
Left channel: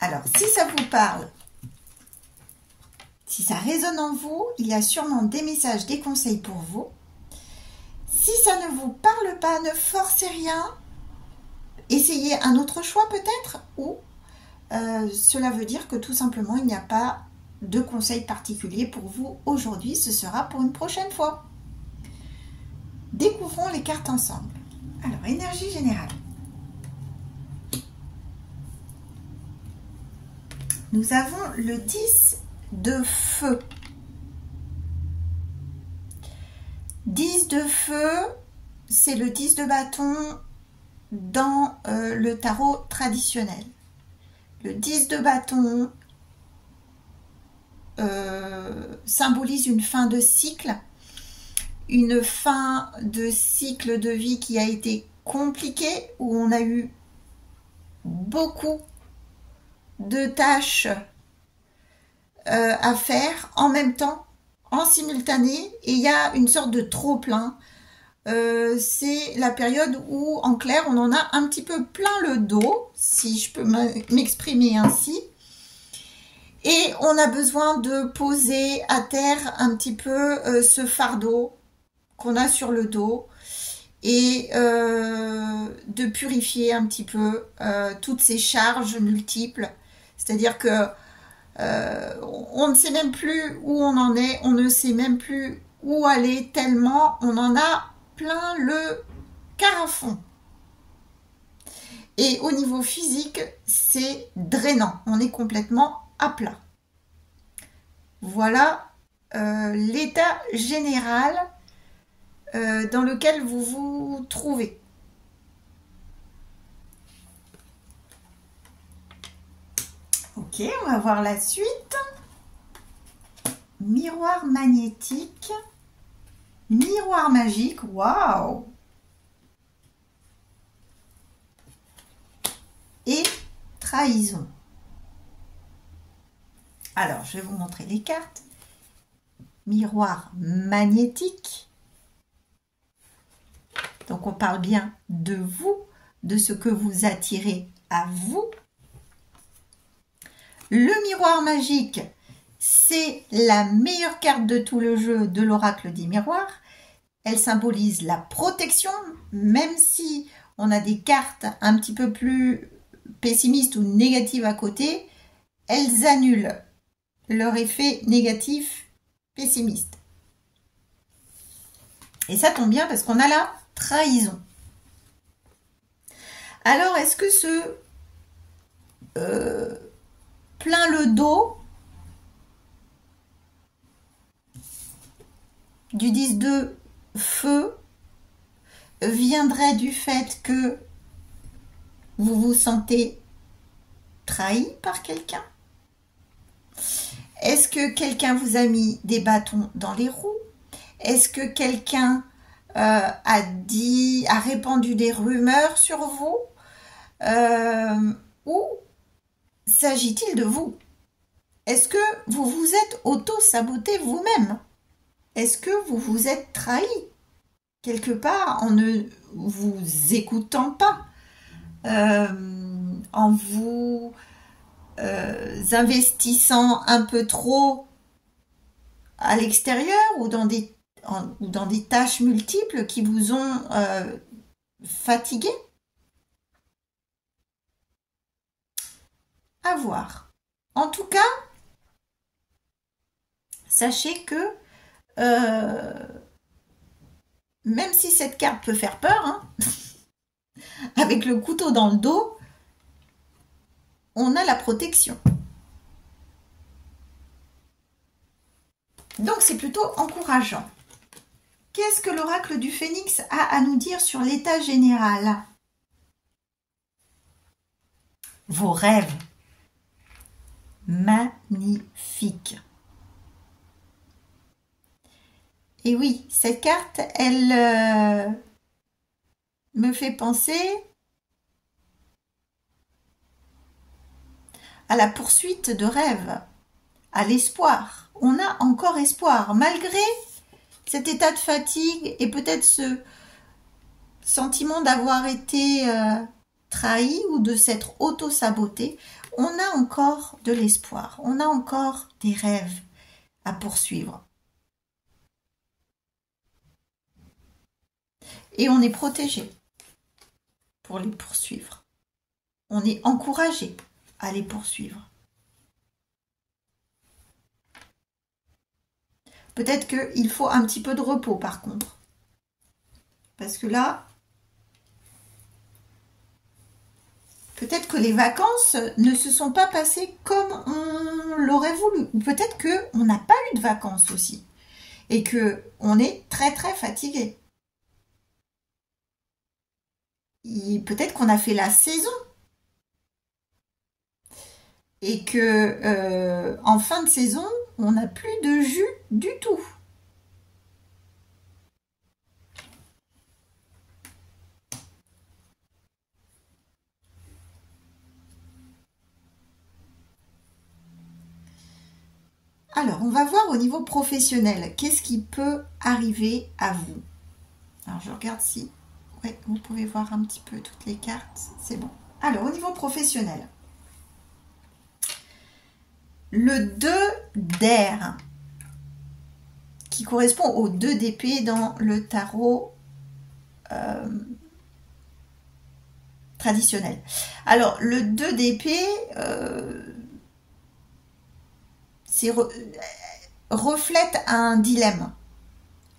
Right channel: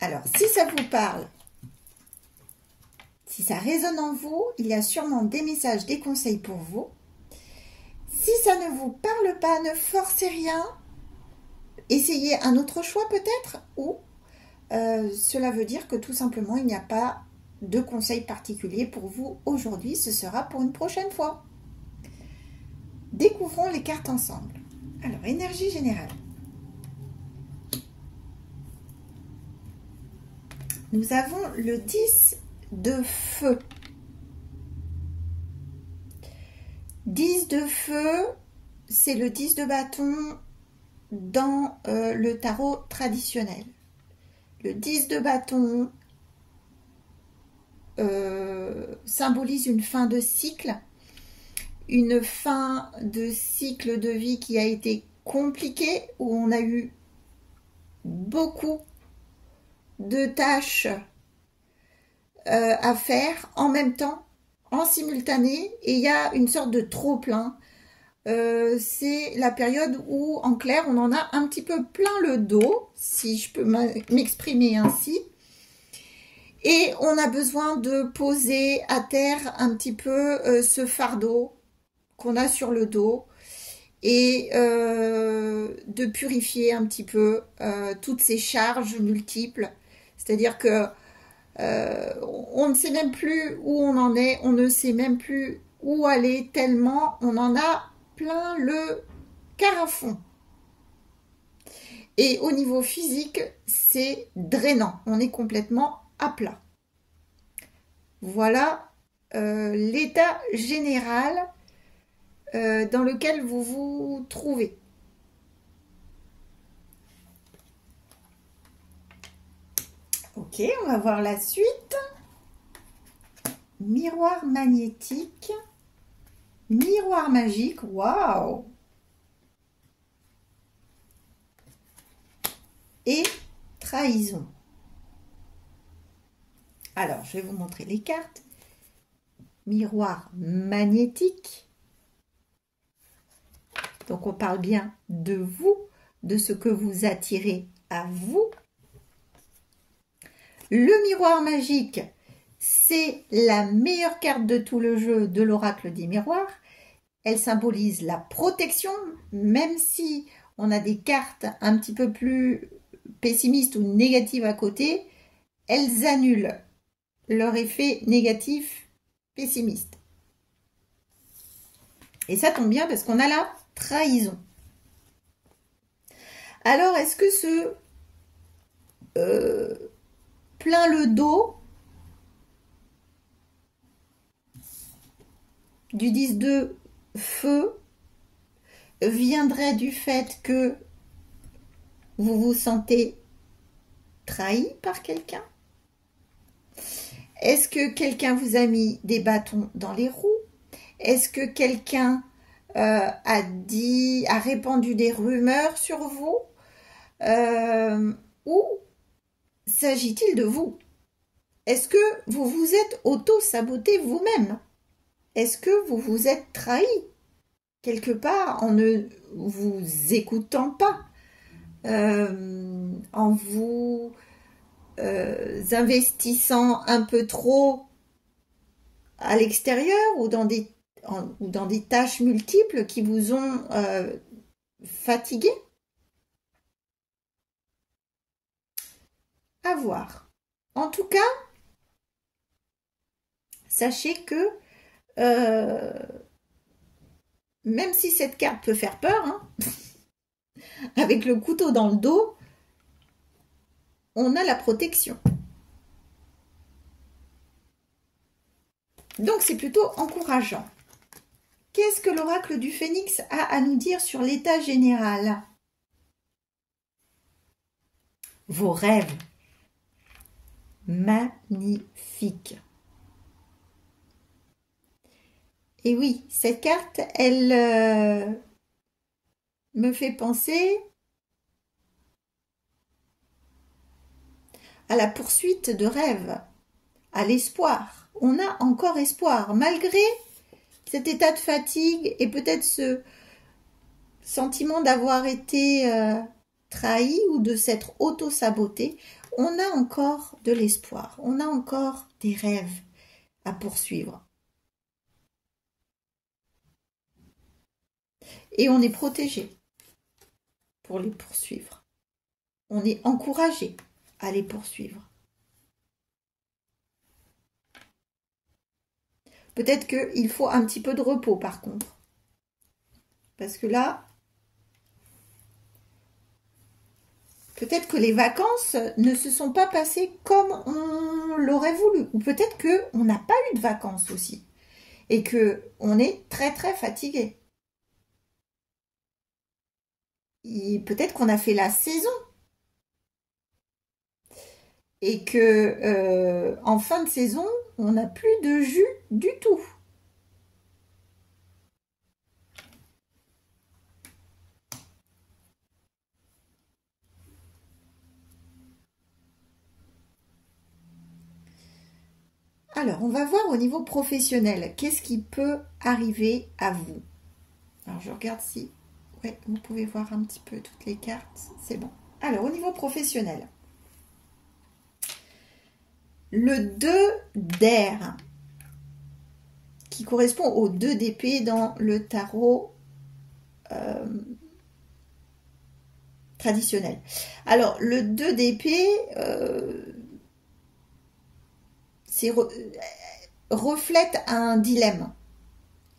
Alors, si ça vous parle, si ça résonne en vous, il y a sûrement des messages, des conseils pour vous. Si ça ne vous parle pas, ne forcez rien. Essayez un autre choix peut-être, ou cela veut dire que tout simplement, il n'y a pas de conseil particulier pour vous aujourd'hui. Ce sera pour une prochaine fois. Découvrons les cartes ensemble. Alors, énergie générale. Nous avons le 10 de feu. 10 de feu, c'est le 10 de bâton dans le tarot traditionnel. Le 10 de bâton symbolise une fin de cycle, une fin de cycle de vie qui a été compliquée, où on a eu beaucoup de tâches à faire en même temps, en simultané, et il y a une sorte de trop-plein. C'est la période où, en clair, on en a un petit peu plein le dos, si je peux m'exprimer ainsi. Et on a besoin de poser à terre un petit peu ce fardeau qu'on a sur le dos et de purifier un petit peu toutes ces charges multiples. C'est-à-dire que on ne sait même plus où on en est, on ne sait même plus où aller tellement on en a plein le carafon. Et au niveau physique, c'est drainant, on est complètement à plat. Voilà l'état général dans lequel vous vous trouvez. Ok, on va voir la suite. Miroir magnétique. Miroir magique. Waouh! Et trahison. Alors, je vais vous montrer les cartes. Miroir magnétique. Donc, on parle bien de vous, de ce que vous attirez à vous. Le miroir magique, c'est la meilleure carte de tout le jeu de l'oracle des miroirs. Elle symbolise la protection, même si on a des cartes un petit peu plus pessimistes ou négatives à côté, elles annulent leur effet négatif pessimiste. Et ça tombe bien parce qu'on a la trahison. Alors, est-ce que ce plein le dos du 10 de feu viendrait du fait que vous vous sentez trahi par quelqu'un? Est-ce que quelqu'un vous a mis des bâtons dans les roues? Est-ce que quelqu'un a répandu des rumeurs sur vous? Ou s'agit-il de vous? Est-ce que vous vous êtes auto-saboté vous-même? Est-ce que vous vous êtes trahi quelque part en ne vous écoutant pas, en vous investissant un peu trop à l'extérieur ou dans des tâches multiples qui vous ont fatigué? À voir. En tout cas, sachez que même si cette carte peut faire peur, hein, avec le couteau dans le dos, on a la protection. Donc c'est plutôt encourageant. Qu'est-ce que l'oracle du Phénix a à nous dire sur l'état général? Vos rêves. Magnifique. Et oui, cette carte, elle me fait penser à la poursuite de rêves. à l'espoir. On a encore espoir, malgré cet état de fatigue et peut-être ce sentiment d'avoir été trahi ou de s'être auto-saboté. On a encore de l'espoir, on a encore des rêves à poursuivre. Et on est protégé pour les poursuivre. On est encouragé à les poursuivre. Peut-être qu'il faut un petit peu de repos par contre. Parce que là, peut-être que les vacances ne se sont pas passées comme on l'aurait voulu. Ou peut-être qu'on n'a pas eu de vacances aussi. Et qu'on est très très fatigué. Peut-être qu'on a fait la saison. Et que en fin de saison, on n'a plus de jus du tout. Alors, on va voir au niveau professionnel, qu'est-ce qui peut arriver à vous. Alors, je regarde si... Ouais, vous pouvez voir un petit peu toutes les cartes, c'est bon. Alors, au niveau professionnel, le 2 d'air, qui correspond au 2 d'épée dans le tarot traditionnel. Alors, le 2 d'épée, reflète un dilemme,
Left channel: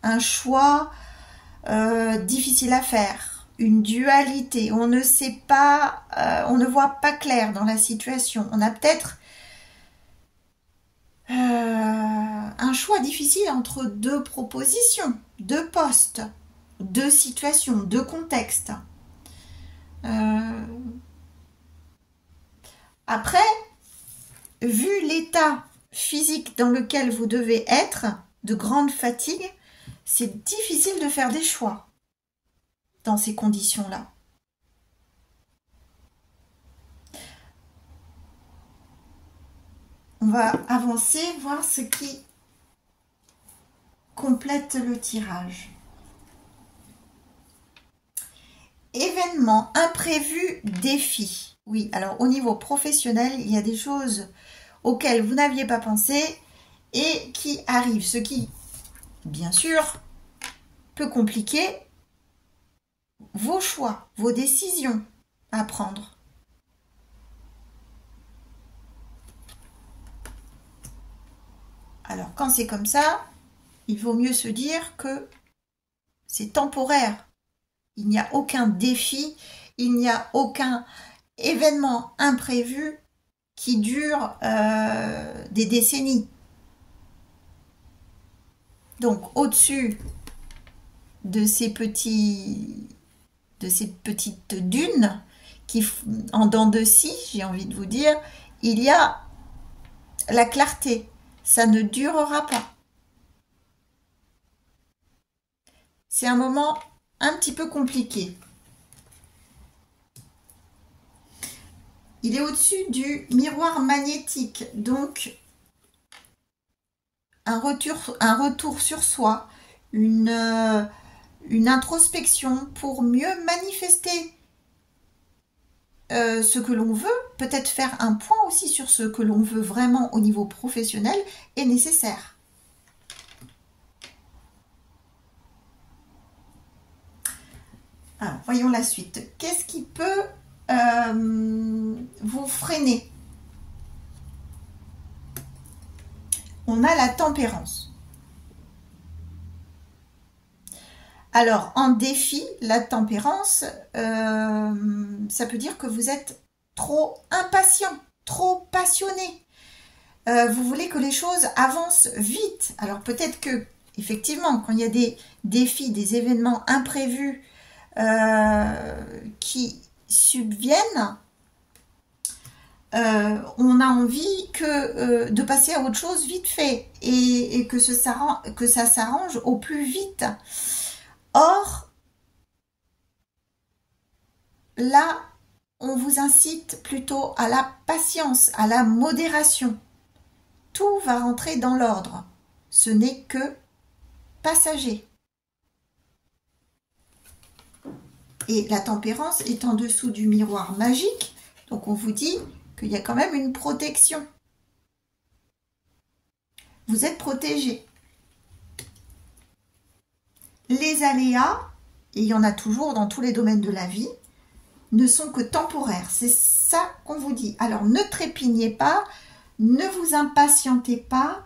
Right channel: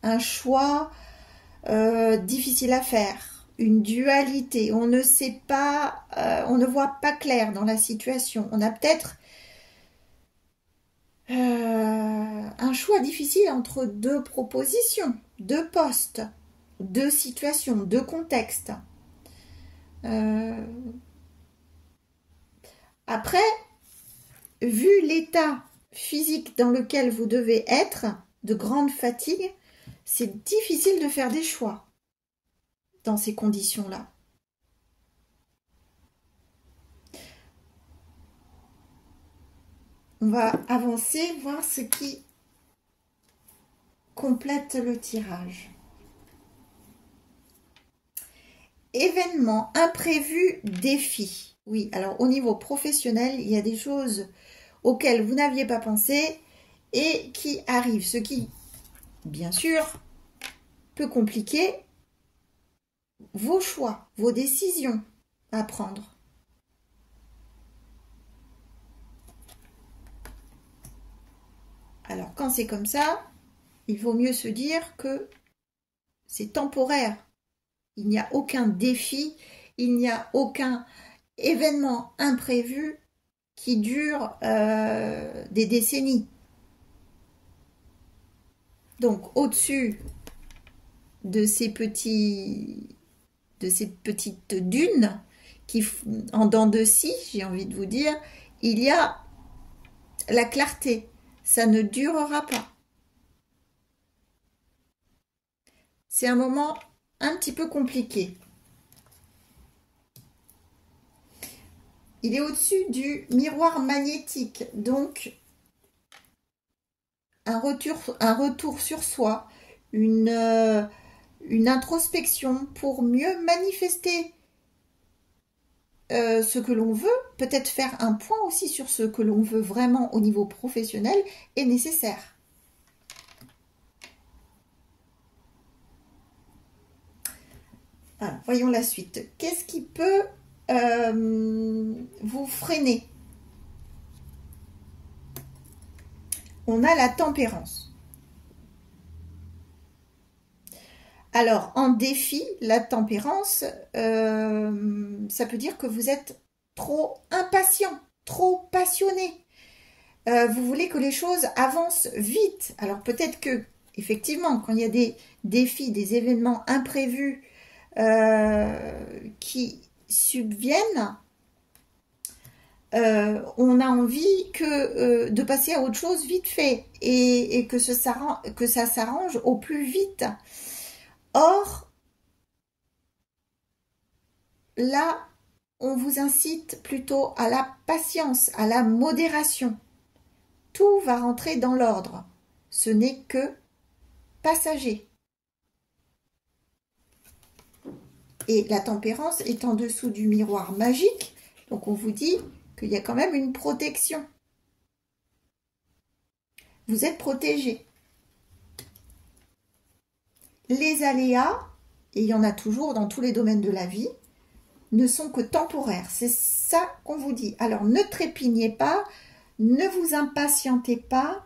un choix difficile à faire, une dualité. On ne sait pas, on ne voit pas clair dans la situation. On a peut-être un choix difficile entre deux propositions, deux postes, deux situations, deux contextes. Après, vu l'état physique dans lequel vous devez être, de grande fatigue, c'est difficile de faire des choix dans ces conditions-là. On va avancer, voir ce qui complète le tirage. Événement imprévu, défi. Oui, alors au niveau professionnel, il y a des choses auxquelles vous n'aviez pas pensé et qui arrivent. Ce qui, bien sûr, peut compliquer vos choix, vos décisions à prendre. Alors, quand c'est comme ça, il vaut mieux se dire que c'est temporaire. Il n'y a aucun défi, il n'y a aucun événement imprévu qui dure des décennies. Donc, au-dessus de ces petites dunes qui, en dents de scie, j'ai envie de vous dire, il y a la clarté. Ça ne durera pas. C'est un moment un petit peu compliqué. Il est au-dessus du miroir magnétique, donc un retour sur soi, une introspection pour mieux manifester ce que l'on veut, peut-être faire un point aussi sur ce que l'on veut vraiment au niveau professionnel est nécessaire. Alors, voyons la suite. Qu'est-ce qui peut vous freiner? On a la tempérance. Alors, en défi, la tempérance, ça peut dire que vous êtes trop impatient, trop passionné. Vous voulez que les choses avancent vite. Alors, peut-être que, effectivement, quand il y a des défis, des événements imprévus qui subviennent, on a envie de passer à autre chose vite fait et que ça s'arrange au plus vite. Or, là, on vous incite plutôt à la patience, à la modération. tout va rentrer dans l'ordre. Ce n'est que passager. Et la tempérance est en dessous du miroir magique, donc on vous dit qu'il y a quand même une protection. Vous êtes protégé. Les aléas, et il y en a toujours dans tous les domaines de la vie, ne sont que temporaires. C'est ça qu'on vous dit. Alors ne trépignez pas, ne vous impatientez pas,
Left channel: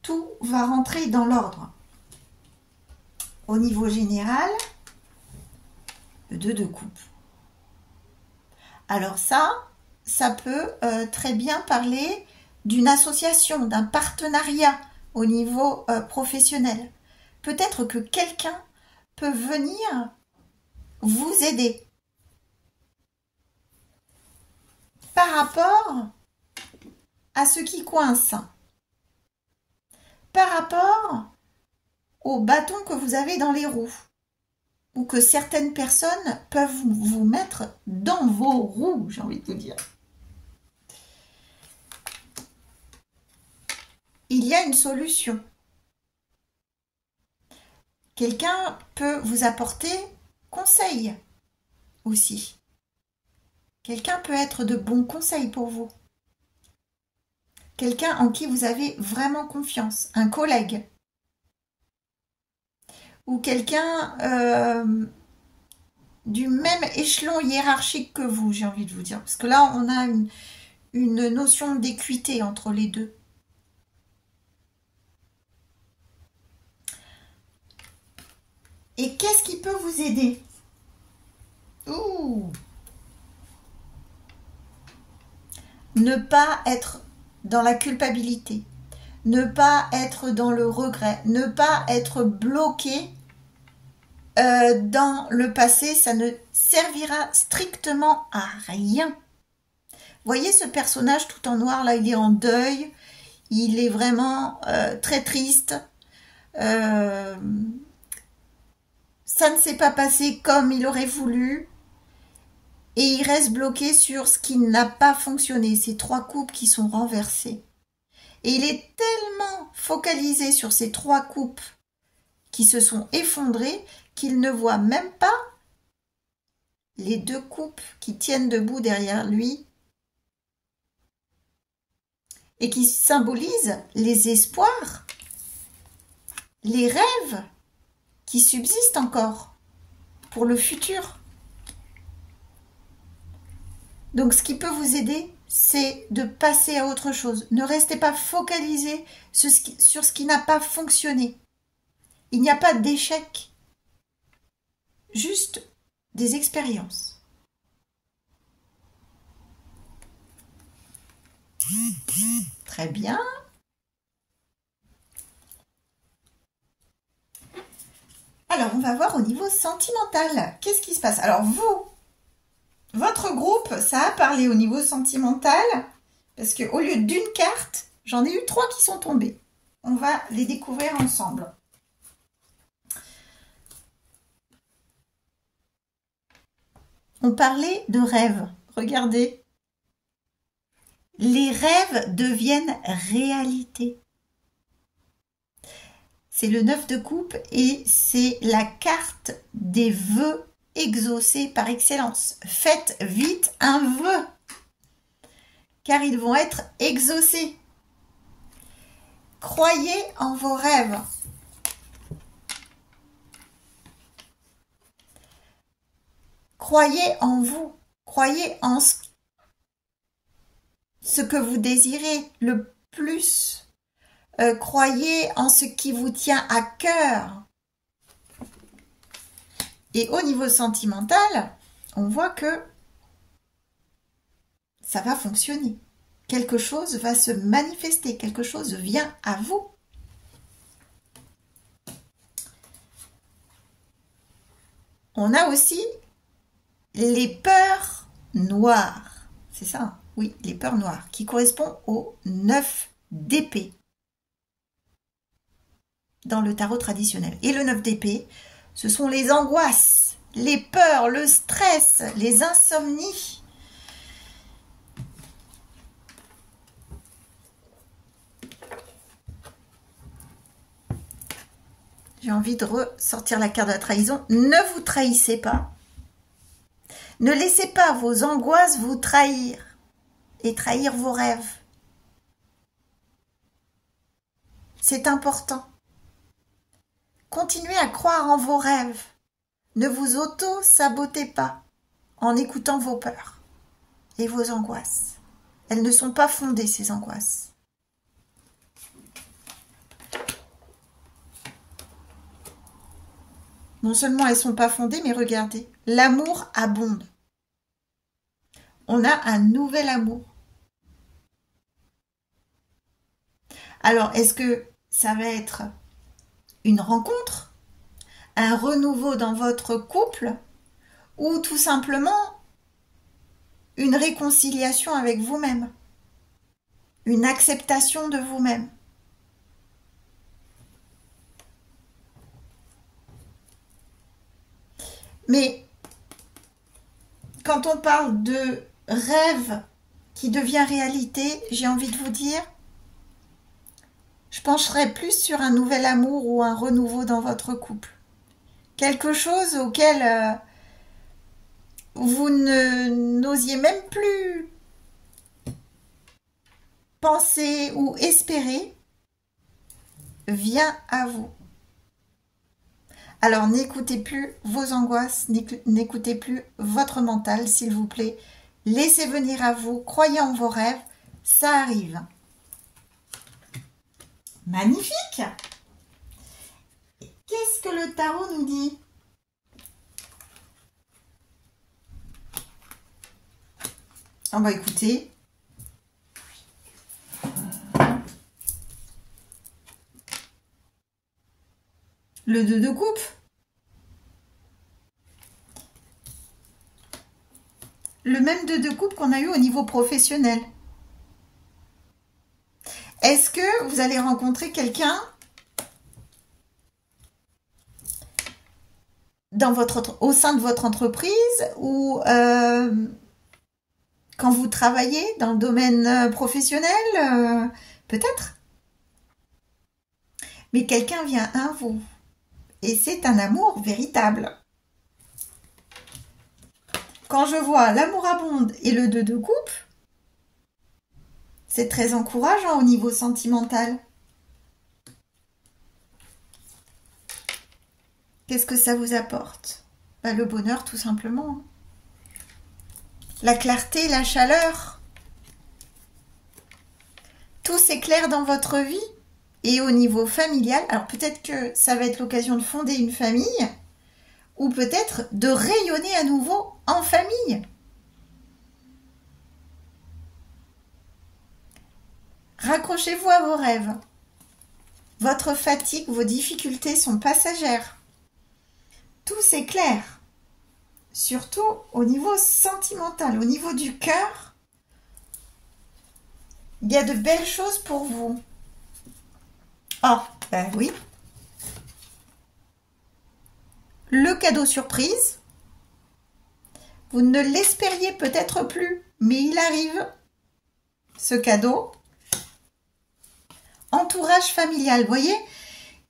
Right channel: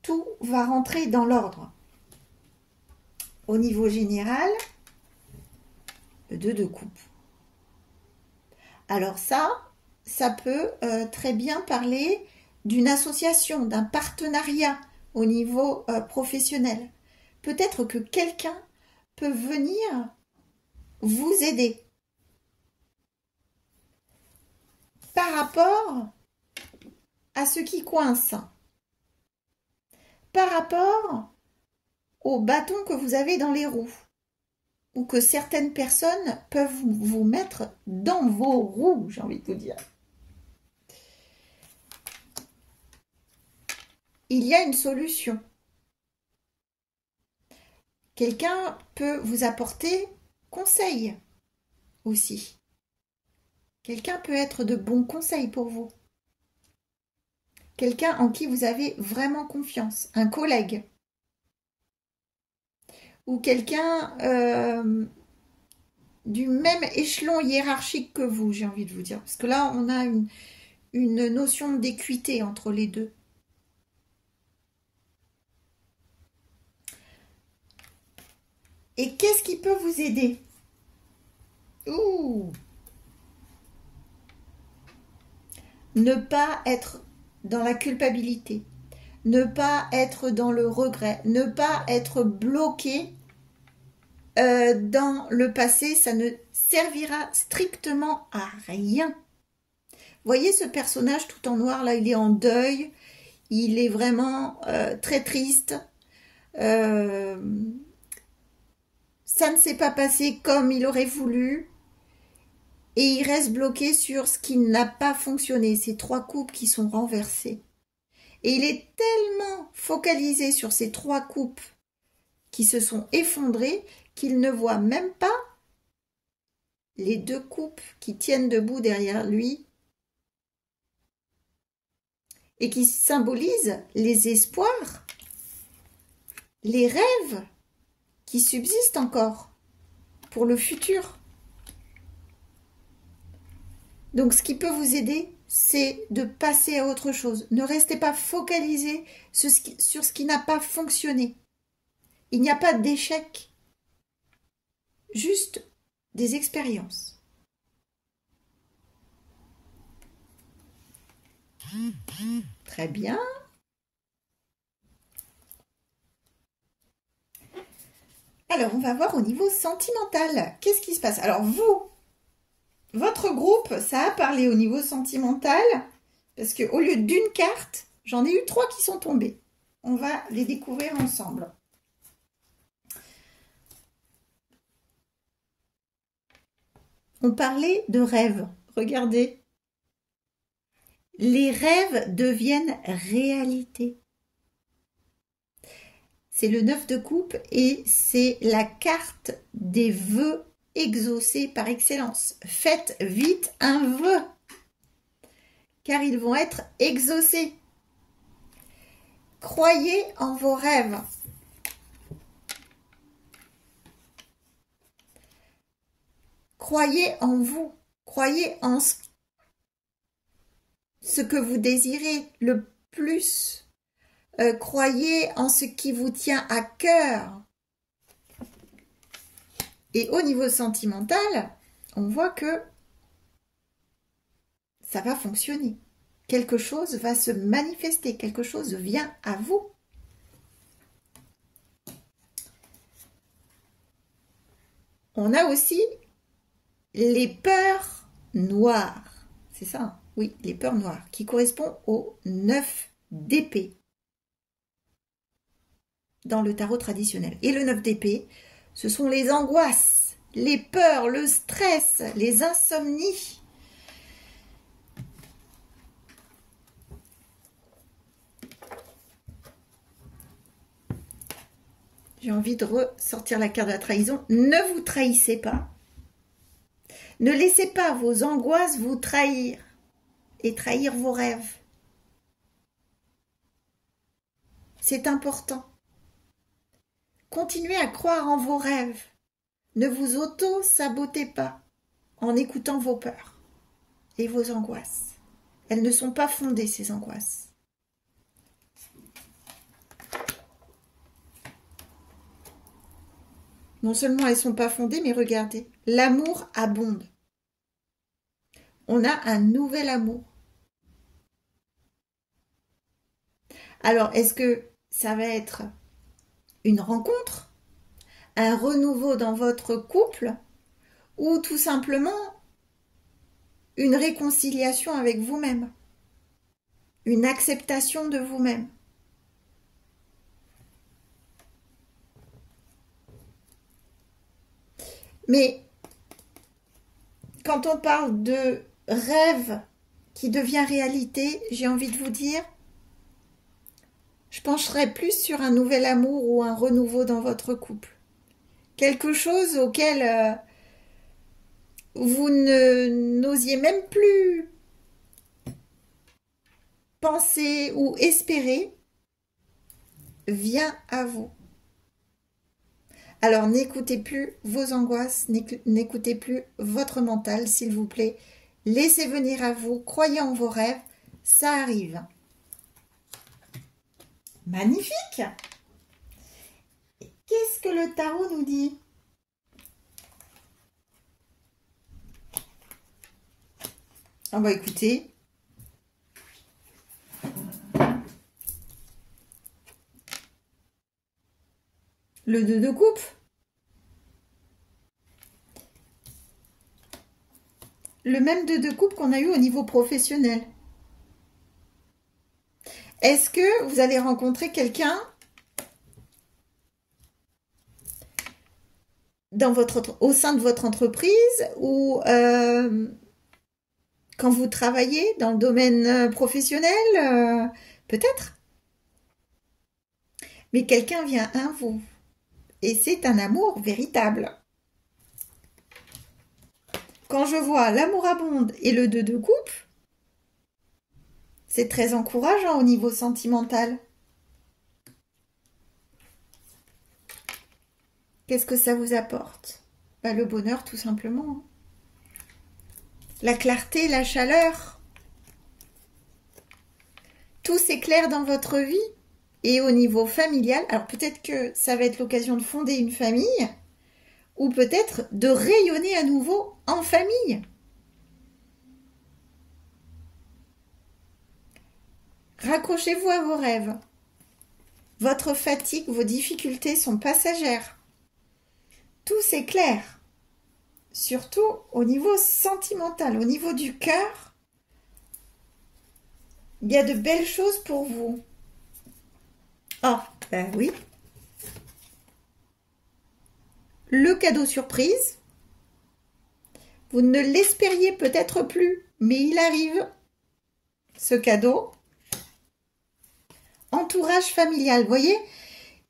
tout va rentrer dans l'ordre. Au niveau général, le 2 de coupe. Alors ça peut très bien parler d'une association, d'un partenariat au niveau professionnel. Peut-être que quelqu'un peut venir vous aider par rapport à ce qui coince, par rapport au bâton que vous avez dans les roues, ou que certaines personnes peuvent vous mettre dans vos roues, j'ai envie de vous dire. Il y a une solution. Quelqu'un peut vous apporter conseil aussi. Quelqu'un peut être de bons conseils pour vous. Quelqu'un en qui vous avez vraiment confiance. Un collègue. Ou quelqu'un du même échelon hiérarchique que vous, j'ai envie de vous dire. Parce que là, on a une notion d'équité entre les deux. Et qu'est-ce qui peut vous aider? Ouh! Ne pas être dans la culpabilité, ne pas être dans le regret, ne pas être bloqué dans le passé, ça ne servira strictement à rien. Voyez ce personnage tout en noir, là, il est en deuil, il est vraiment très triste. Ça ne s'est pas passé comme il aurait voulu. Et il reste bloqué sur ce qui n'a pas fonctionné, ces 3 coupes qui sont renversées. Et il est tellement focalisé sur ces 3 coupes qui se sont effondrées qu'il ne voit même pas les 2 coupes qui tiennent debout derrière lui et qui symbolisent les espoirs, les rêves qui subsistent encore pour le futur. Donc, ce qui peut vous aider, c'est de passer à autre chose. Ne restez pas focalisé sur ce qui n'a pas fonctionné. Il n'y a pas d'échec, juste des expériences. Très bien. Alors, on va voir au niveau sentimental. Qu'est-ce qui se passe? Alors, vous, votre groupe, ça a parlé au niveau sentimental, parce qu'au lieu d'une carte, j'en ai eu 3 qui sont tombées. On va les découvrir ensemble. On parlait de rêves. Regardez. Les rêves deviennent réalité. C'est le 9 de coupe et c'est la carte des vœux exaucés par excellence. Faites vite un vœu, car ils vont être exaucés. Croyez en vos rêves. Croyez en vous. Croyez en ce que vous désirez le plus. Croyez en ce qui vous tient à cœur. Et au niveau sentimental, on voit que ça va fonctionner. Quelque chose va se manifester, quelque chose vient à vous. On a aussi les peurs noires. C'est ça, hein? Oui, les peurs noires, qui correspondent au 9 d'épée dans le tarot traditionnel. Et le 9 d'épée, ce sont les angoisses, les peurs, le stress, les insomnies. J'ai envie de ressortir la carte de la trahison. Ne vous trahissez pas. Ne laissez pas vos angoisses vous trahir et trahir vos rêves. C'est important. Continuez à croire en vos rêves. Ne vous auto-sabotez pas en écoutant vos peurs et vos angoisses. Elles ne sont pas fondées, ces angoisses. Non seulement elles ne sont pas fondées, mais regardez, l'amour abonde. On a un nouvel amour. Alors, est-ce que ça va être une rencontre, un renouveau dans votre couple, ou tout simplement une réconciliation avec vous-même, une acceptation de vous-même? Mais quand on parle de rêve qui devient réalité, j'ai envie de vous dire, je pencherai plus sur un nouvel amour ou un renouveau dans votre couple. Quelque chose auquel vous n'osiez même plus penser ou espérer vient à vous. Alors n'écoutez plus vos angoisses, n'écoutez plus votre mental, s'il vous plaît. Laissez venir à vous, croyez en vos rêves, ça arrive. Magnifique! Qu'est-ce que le tarot nous dit? On va écouter. Le 2 de coupe. Le même 2 de coupe qu'on a eu au niveau professionnel. Est-ce que vous allez rencontrer quelqu'un au sein de votre entreprise ou quand vous travaillez dans le domaine professionnel, peut-être? Mais quelqu'un vient à vous. Et c'est un amour véritable. Quand je vois l'amour abonde et le 2 de coupe, c'est très encourageant au niveau sentimental. Qu'est-ce que ça vous apporte? Le bonheur, tout simplement. La clarté, la chaleur. Tout s'éclaire dans votre vie. Et au niveau familial, alors peut-être que ça va être l'occasion de fonder une famille ou peut-être de rayonner à nouveau en famille. Raccrochez-vous à vos rêves. Votre fatigue, vos difficultés sont passagères. Tout s'éclaire. Surtout au niveau sentimental, au niveau du cœur. Il y a de belles choses pour vous. Oh, ben oui. Le cadeau surprise. Vous ne l'espériez peut-être plus, mais il arrive. Ce cadeau. Entourage familial. Vous voyez,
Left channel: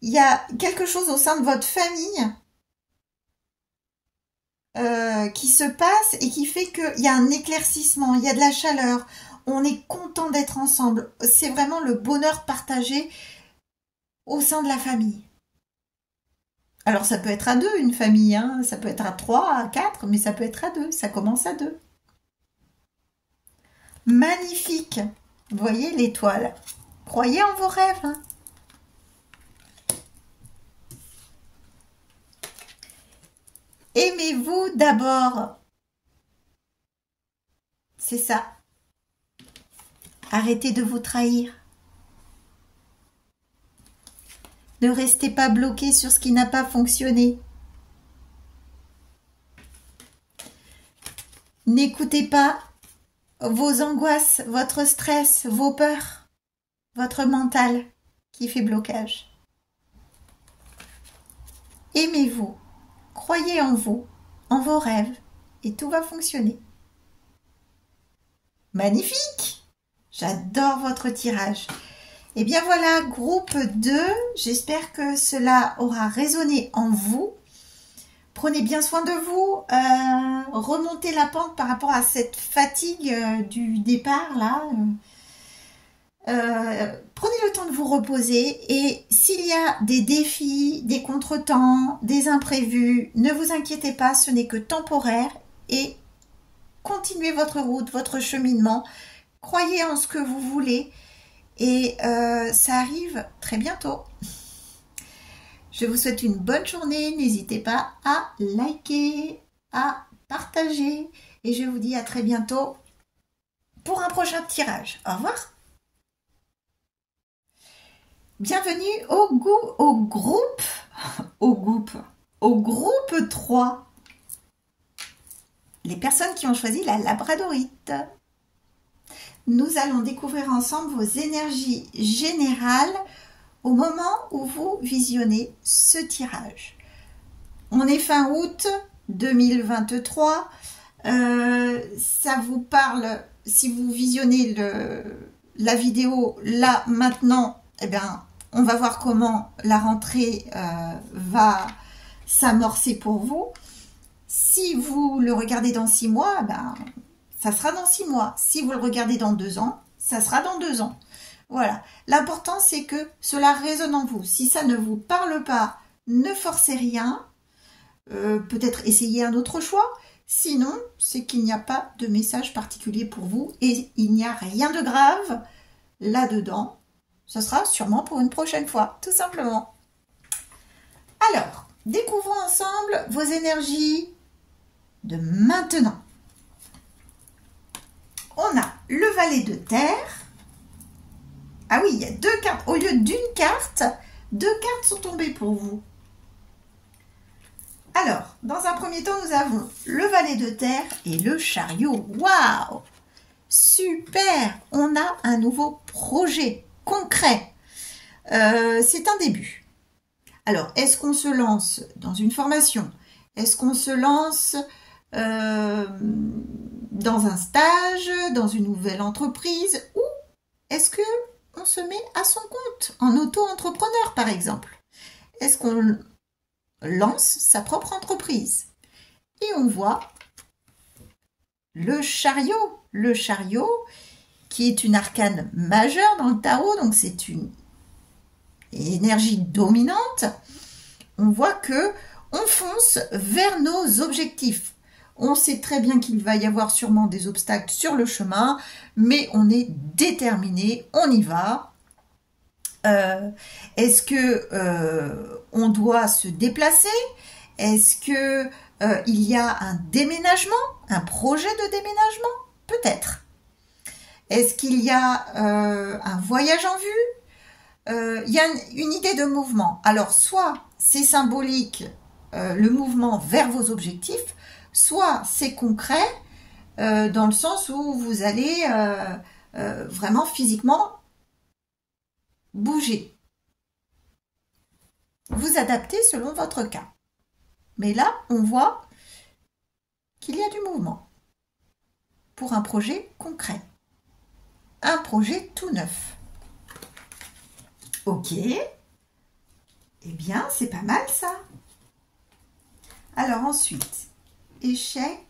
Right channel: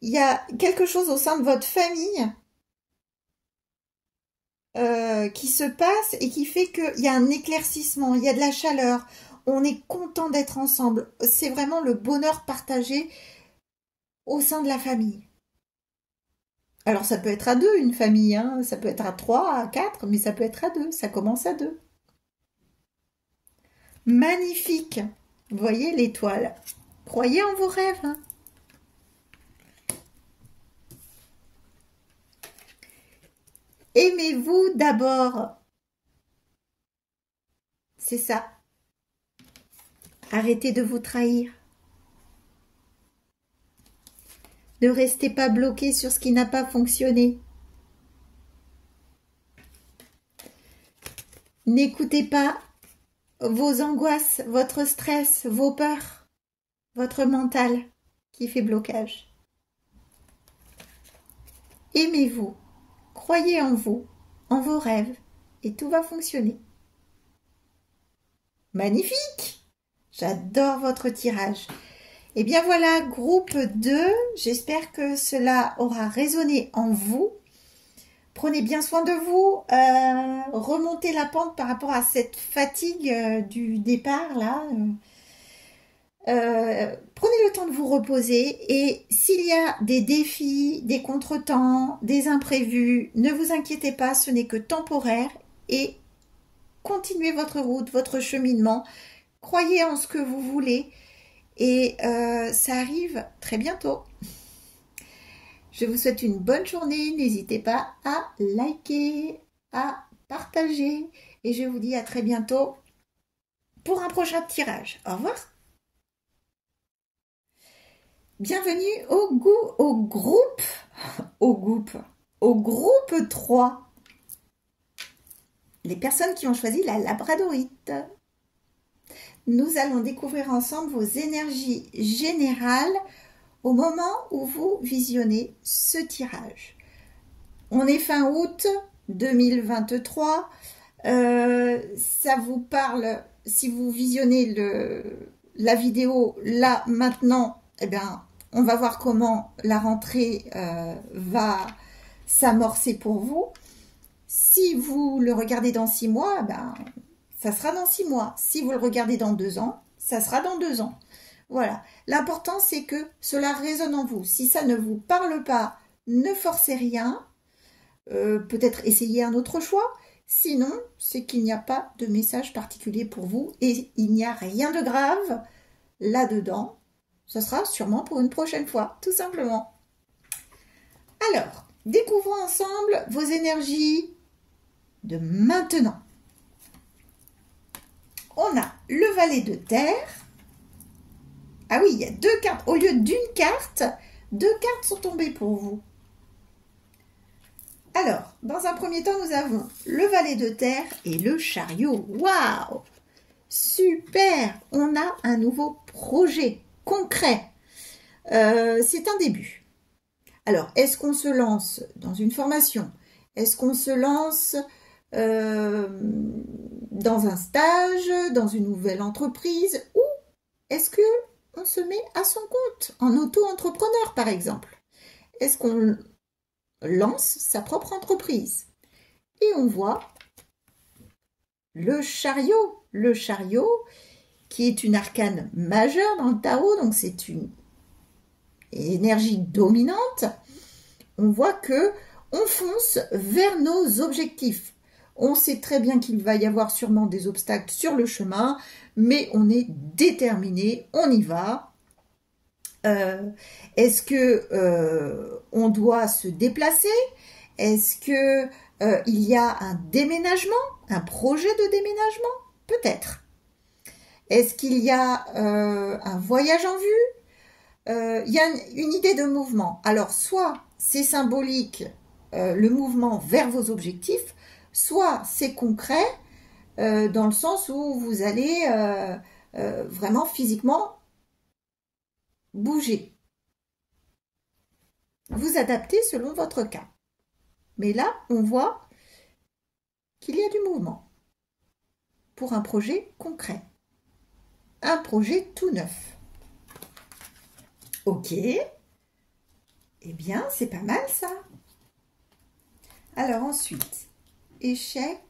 il y a quelque chose au sein de votre famille qui se passe et qui fait qu'il y a un éclaircissement, il y a de la chaleur. On est content d'être ensemble. C'est vraiment le bonheur partagé au sein de la famille. Alors ça peut être à deux une famille, hein. Ça peut être à 3, à 4, mais ça peut être à 2, ça commence à 2. Magnifique! Vous voyez l'étoile? Croyez en vos rêves. Hein. Aimez-vous d'abord. C'est ça. Arrêtez de vous trahir. Ne restez pas bloqué sur ce qui n'a pas fonctionné. N'écoutez pas vos angoisses, votre stress, vos peurs, votre mental qui fait blocage. Aimez-vous, croyez en vous, en vos rêves, et tout va fonctionner. Magnifique! J'adore votre tirage. Et bien voilà, groupe 2, j'espère que cela aura résonné en vous. Prenez bien soin de vous, remontez la pente par rapport à cette fatigue du départ là. Prenez le temps de vous reposer et s'il y a des défis, des contretemps, des imprévus, ne vous inquiétez pas, ce n'est que temporaire et continuez votre route, votre cheminement, croyez en ce que vous voulez et ça arrive très bientôt. Je vous souhaite une bonne journée, n'hésitez pas à liker, à partager et je vous dis à très bientôt pour un prochain tirage. Au revoir. Bienvenue au groupe 3. Les personnes qui ont choisi la labradorite. Nous allons découvrir ensemble vos énergies générales au moment où vous visionnez ce tirage. On est fin août 2023. Ça vous parle, si vous visionnez la vidéo là maintenant, eh bien, on va voir comment la rentrée va s'amorcer pour vous. Si vous le regardez dans 6 mois, ben, ça sera dans 6 mois. Si vous le regardez dans 2 ans, ça sera dans 2 ans. Voilà. L'important, c'est que cela résonne en vous. Si ça ne vous parle pas, ne forcez rien. Peut-être essayez un autre choix. Sinon, c'est qu'il n'y a pas de message particulier pour vous et il n'y a rien de grave là-dedans. Ce sera sûrement pour une prochaine fois, tout simplement. Alors, découvrons ensemble vos énergies de maintenant. On a le valet de terre. Ah oui, il y a 2 cartes. Au lieu d'une carte, 2 cartes sont tombées pour vous. Alors, dans un premier temps, nous avons le valet de terre et le chariot. Waouh! Super! On a un nouveau projet concret. C'est un début. Alors, est-ce qu'on se lance dans une formation? Est-ce qu'on se lance dans un stage, dans une nouvelle entreprise? Ou est-ce qu'on se met à son compte, en auto-entrepreneur par exemple? Est-ce qu'on lance sa propre entreprise? Et on voit le chariot. Le chariot qui est une arcane majeure dans le tarot, donc c'est une énergie dominante. On voit que on fonce vers nos objectifs. On sait très bien qu'il va y avoir sûrement des obstacles sur le chemin, mais on est déterminé, on y va. Est-ce que on doit se déplacer? Est-ce que il y a un déménagement, un projet de déménagement? Peut-être. Est-ce qu'il y a un voyage en vue? Il y a une idée de mouvement. Alors, soit c'est symbolique, le mouvement vers vos objectifs, soit c'est concret, dans le sens où vous allez vraiment physiquement bouger. Vous adaptez selon votre cas. Mais là, on voit qu'il y a du mouvement pour un projet concret. Un projet tout neuf. Ok. Eh bien, c'est pas mal ça. Alors ensuite, échec,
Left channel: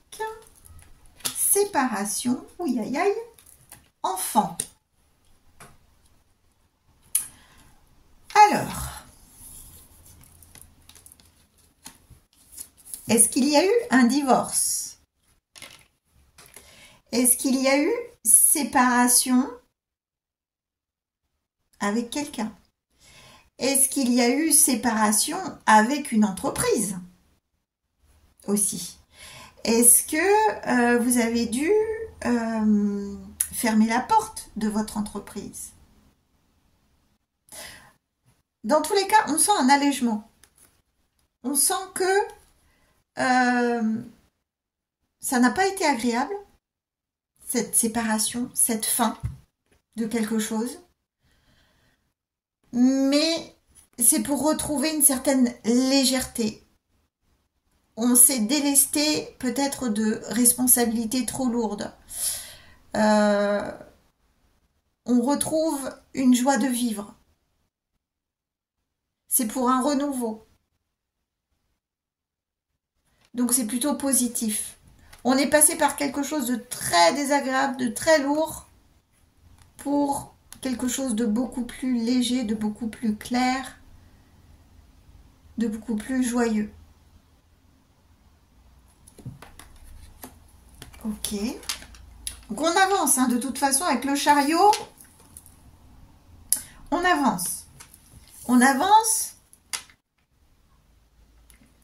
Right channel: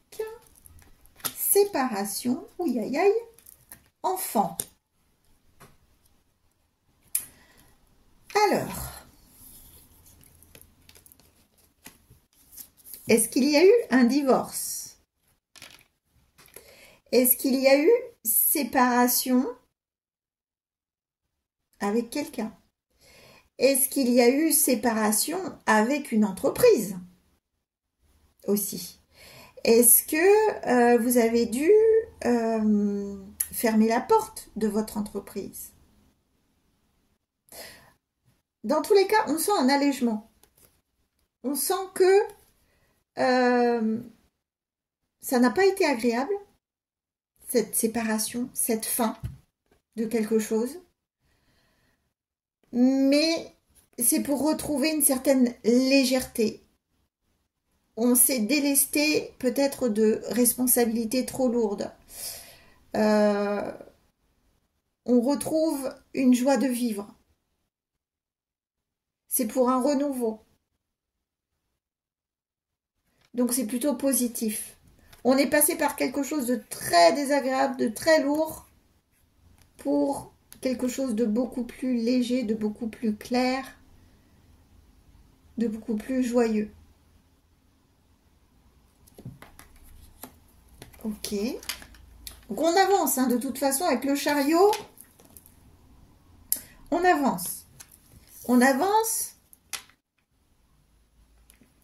séparation, ouïe aïe aïe, enfant. Alors, est-ce qu'il y a eu un divorce? Est-ce qu'il y a eu séparation avec quelqu'un? Est-ce qu'il y a eu séparation avec une entreprise aussi? Est-ce que vous avez dû fermer la porte de votre entreprise? Dans tous les cas, on sent un allègement. On sent que ça n'a pas été agréable, cette séparation, cette fin de quelque chose. Mais c'est pour retrouver une certaine légèreté. On s'est délesté peut-être de responsabilités trop lourdes. on retrouve une joie de vivre. C'est pour un renouveau. Donc c'est plutôt positif. On est passé par quelque chose de très désagréable, de très lourd, pour quelque chose de beaucoup plus léger, de beaucoup plus clair, de beaucoup plus joyeux. Ok. Donc on avance, hein, de toute façon, avec le chariot, on avance. On avance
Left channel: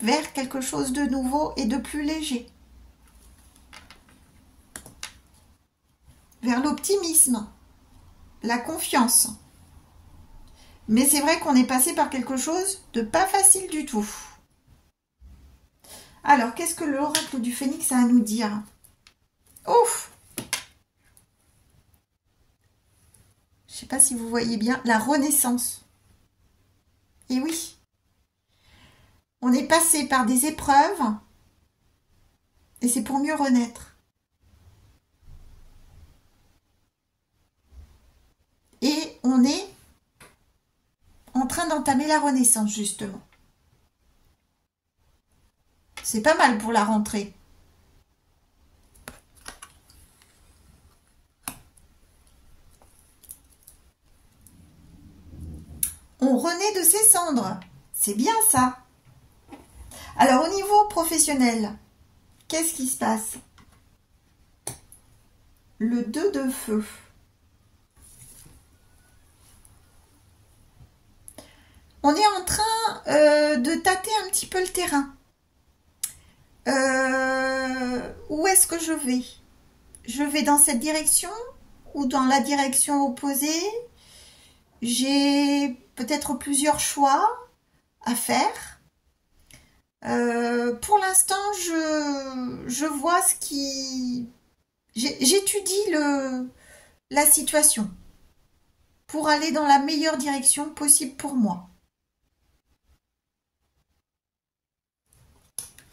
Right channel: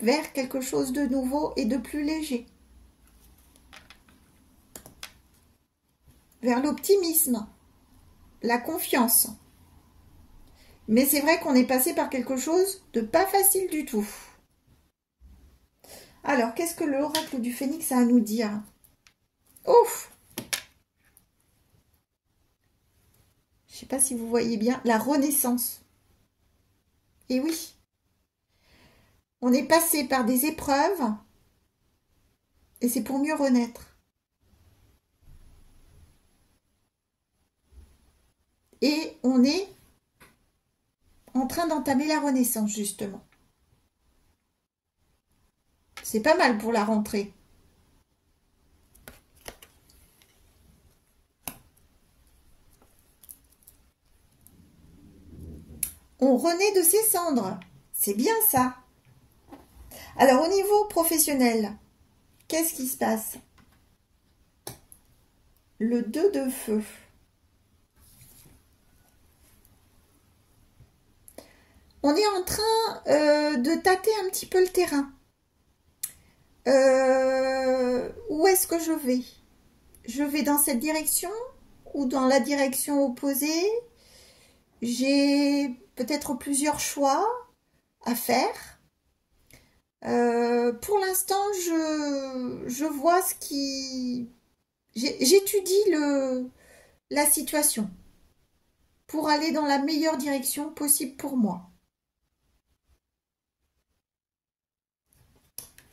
vers quelque chose de nouveau et de plus léger. Vers l'optimisme, la confiance. Mais c'est vrai qu'on est passé par quelque chose de pas facile du tout. Alors, qu'est-ce que l'oracle du Phénix a à nous dire? Ouf! Je ne sais pas si vous voyez bien, la renaissance. Et oui, on est passé par des épreuves et c'est pour mieux renaître. Et on est en train d'entamer la renaissance, justement. C'est pas mal pour la rentrée. On renaît de ses cendres. C'est bien ça. Alors, au niveau professionnel, qu'est-ce qui se passe? Le 2 de feu. On est en train de tâter un petit peu le terrain. Où est-ce que je vais? Je vais dans cette direction ou dans la direction opposée? J'ai peut-être plusieurs choix à faire. Pour l'instant, je vois ce qui... J'étudie la situation pour aller dans la meilleure direction possible pour moi.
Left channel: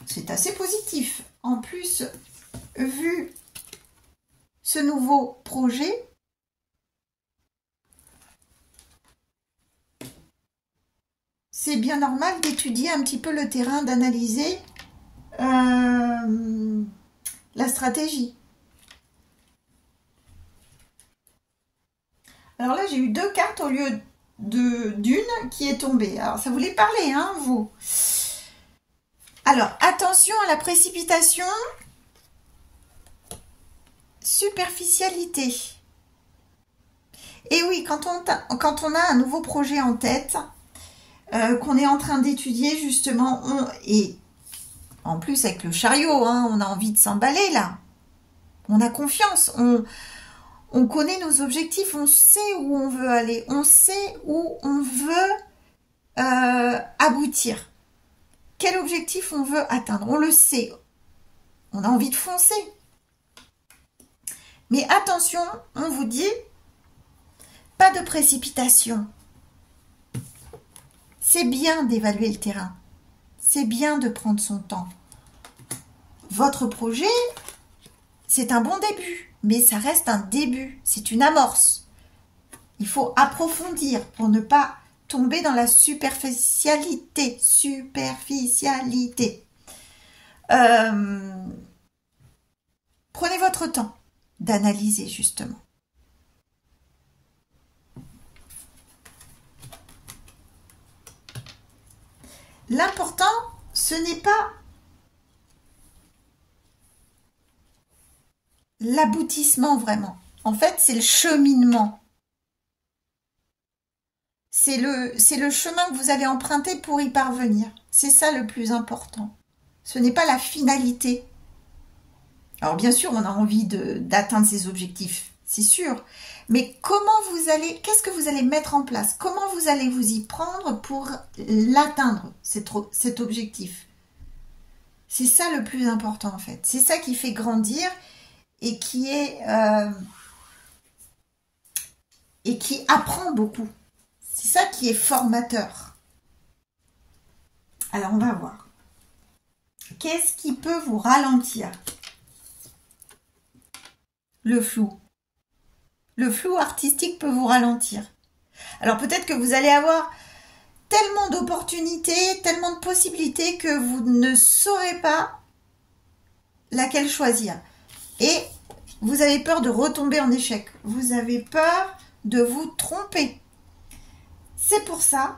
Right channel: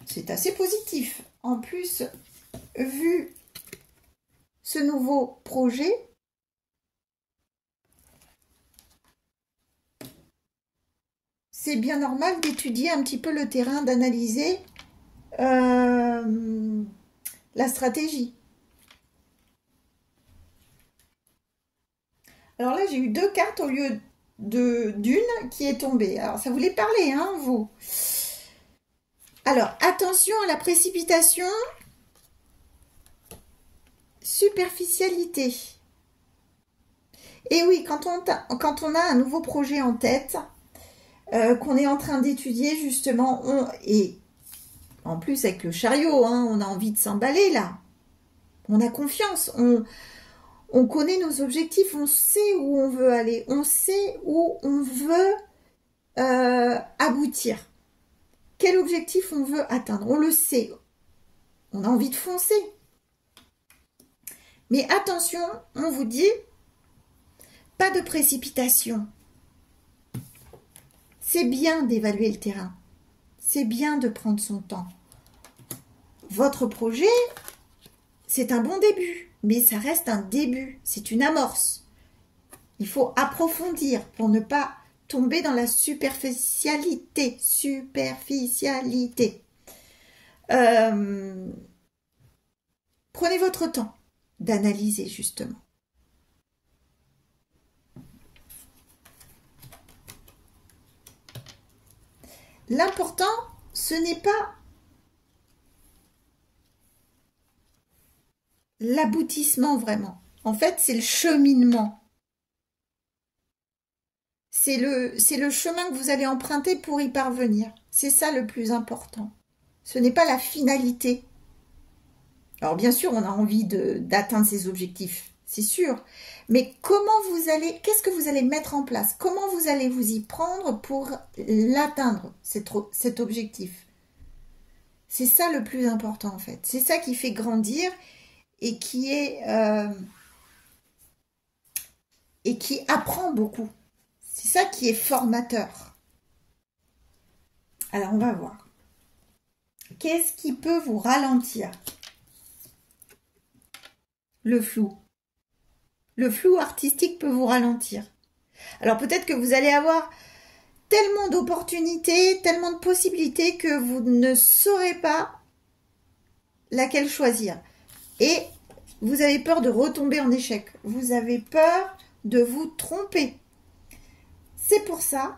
C'est assez positif. En plus, vu ce nouveau projet, c'est bien normal d'étudier un petit peu le terrain, d'analyser la stratégie. Alors là, j'ai eu 2 cartes au lieu d'une qui est tombée. Alors, ça voulait parler, hein, vous. Alors, attention à la précipitation, superficialité. Et oui, quand on a un nouveau projet en tête, qu'on est en train d'étudier, justement, et en plus avec le chariot, hein, on a envie de s'emballer là. On a confiance, on connaît nos objectifs, on sait où on veut aller, on sait où on veut aboutir. Quel objectif on veut atteindre, on le sait. On a envie de foncer. Mais attention, on vous dit, pas de précipitation. C'est bien d'évaluer le terrain. C'est bien de prendre son temps. Votre projet, c'est un bon début, mais ça reste un début. C'est une amorce. Il faut approfondir pour ne pas tomber dans la superficialité. Prenez votre temps d'analyser, justement. L'important, ce n'est pas l'aboutissement vraiment. En fait, c'est le cheminement. C'est le chemin que vous allez emprunter pour y parvenir. C'est ça le plus important. Ce n'est pas la finalité. Alors bien sûr, on a envie d'atteindre ses objectifs, c'est sûr. Mais qu'est-ce que vous allez mettre en place? Comment vous allez vous y prendre pour l'atteindre, cet objectif? C'est ça le plus important en fait. C'est ça qui fait grandir et qui apprend beaucoup. C'est ça qui est formateur. Alors on va voir. Qu'est-ce qui peut vous ralentir? Le flou. Le flou artistique peut vous ralentir. Alors peut-être que vous allez avoir tellement d'opportunités, tellement de possibilités que vous ne saurez pas laquelle choisir. Et vous avez peur de retomber en échec. Vous avez peur de vous tromper. C'est pour ça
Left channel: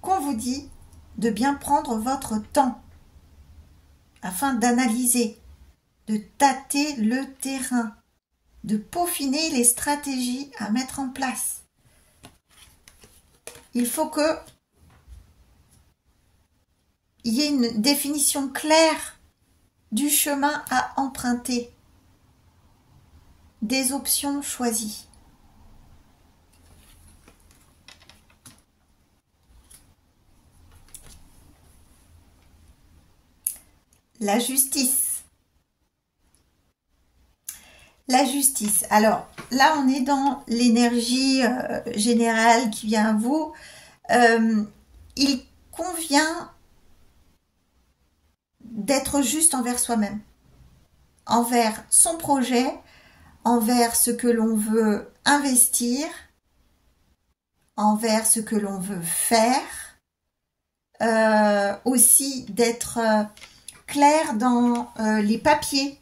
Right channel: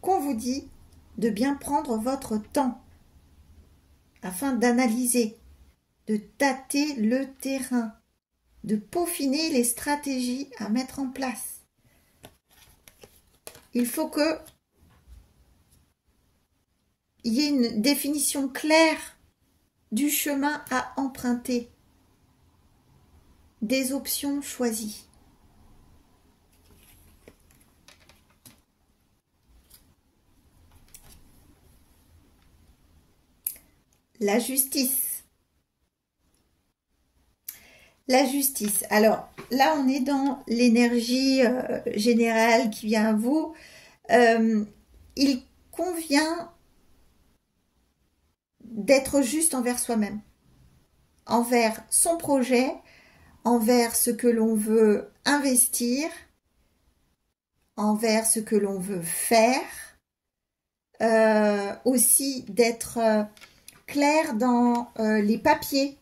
qu'on vous dit de bien prendre votre temps afin d'analyser, de tâter le terrain, de peaufiner les stratégies à mettre en place. Il faut que il y ait une définition claire du chemin à emprunter, des options choisies. La justice. La justice. Alors, là, on est dans l'énergie générale qui vient à vous. Il convient d'être juste envers soi-même, envers son projet, envers ce que l'on veut investir, envers ce que l'on veut faire, aussi d'être clair dans les papiers,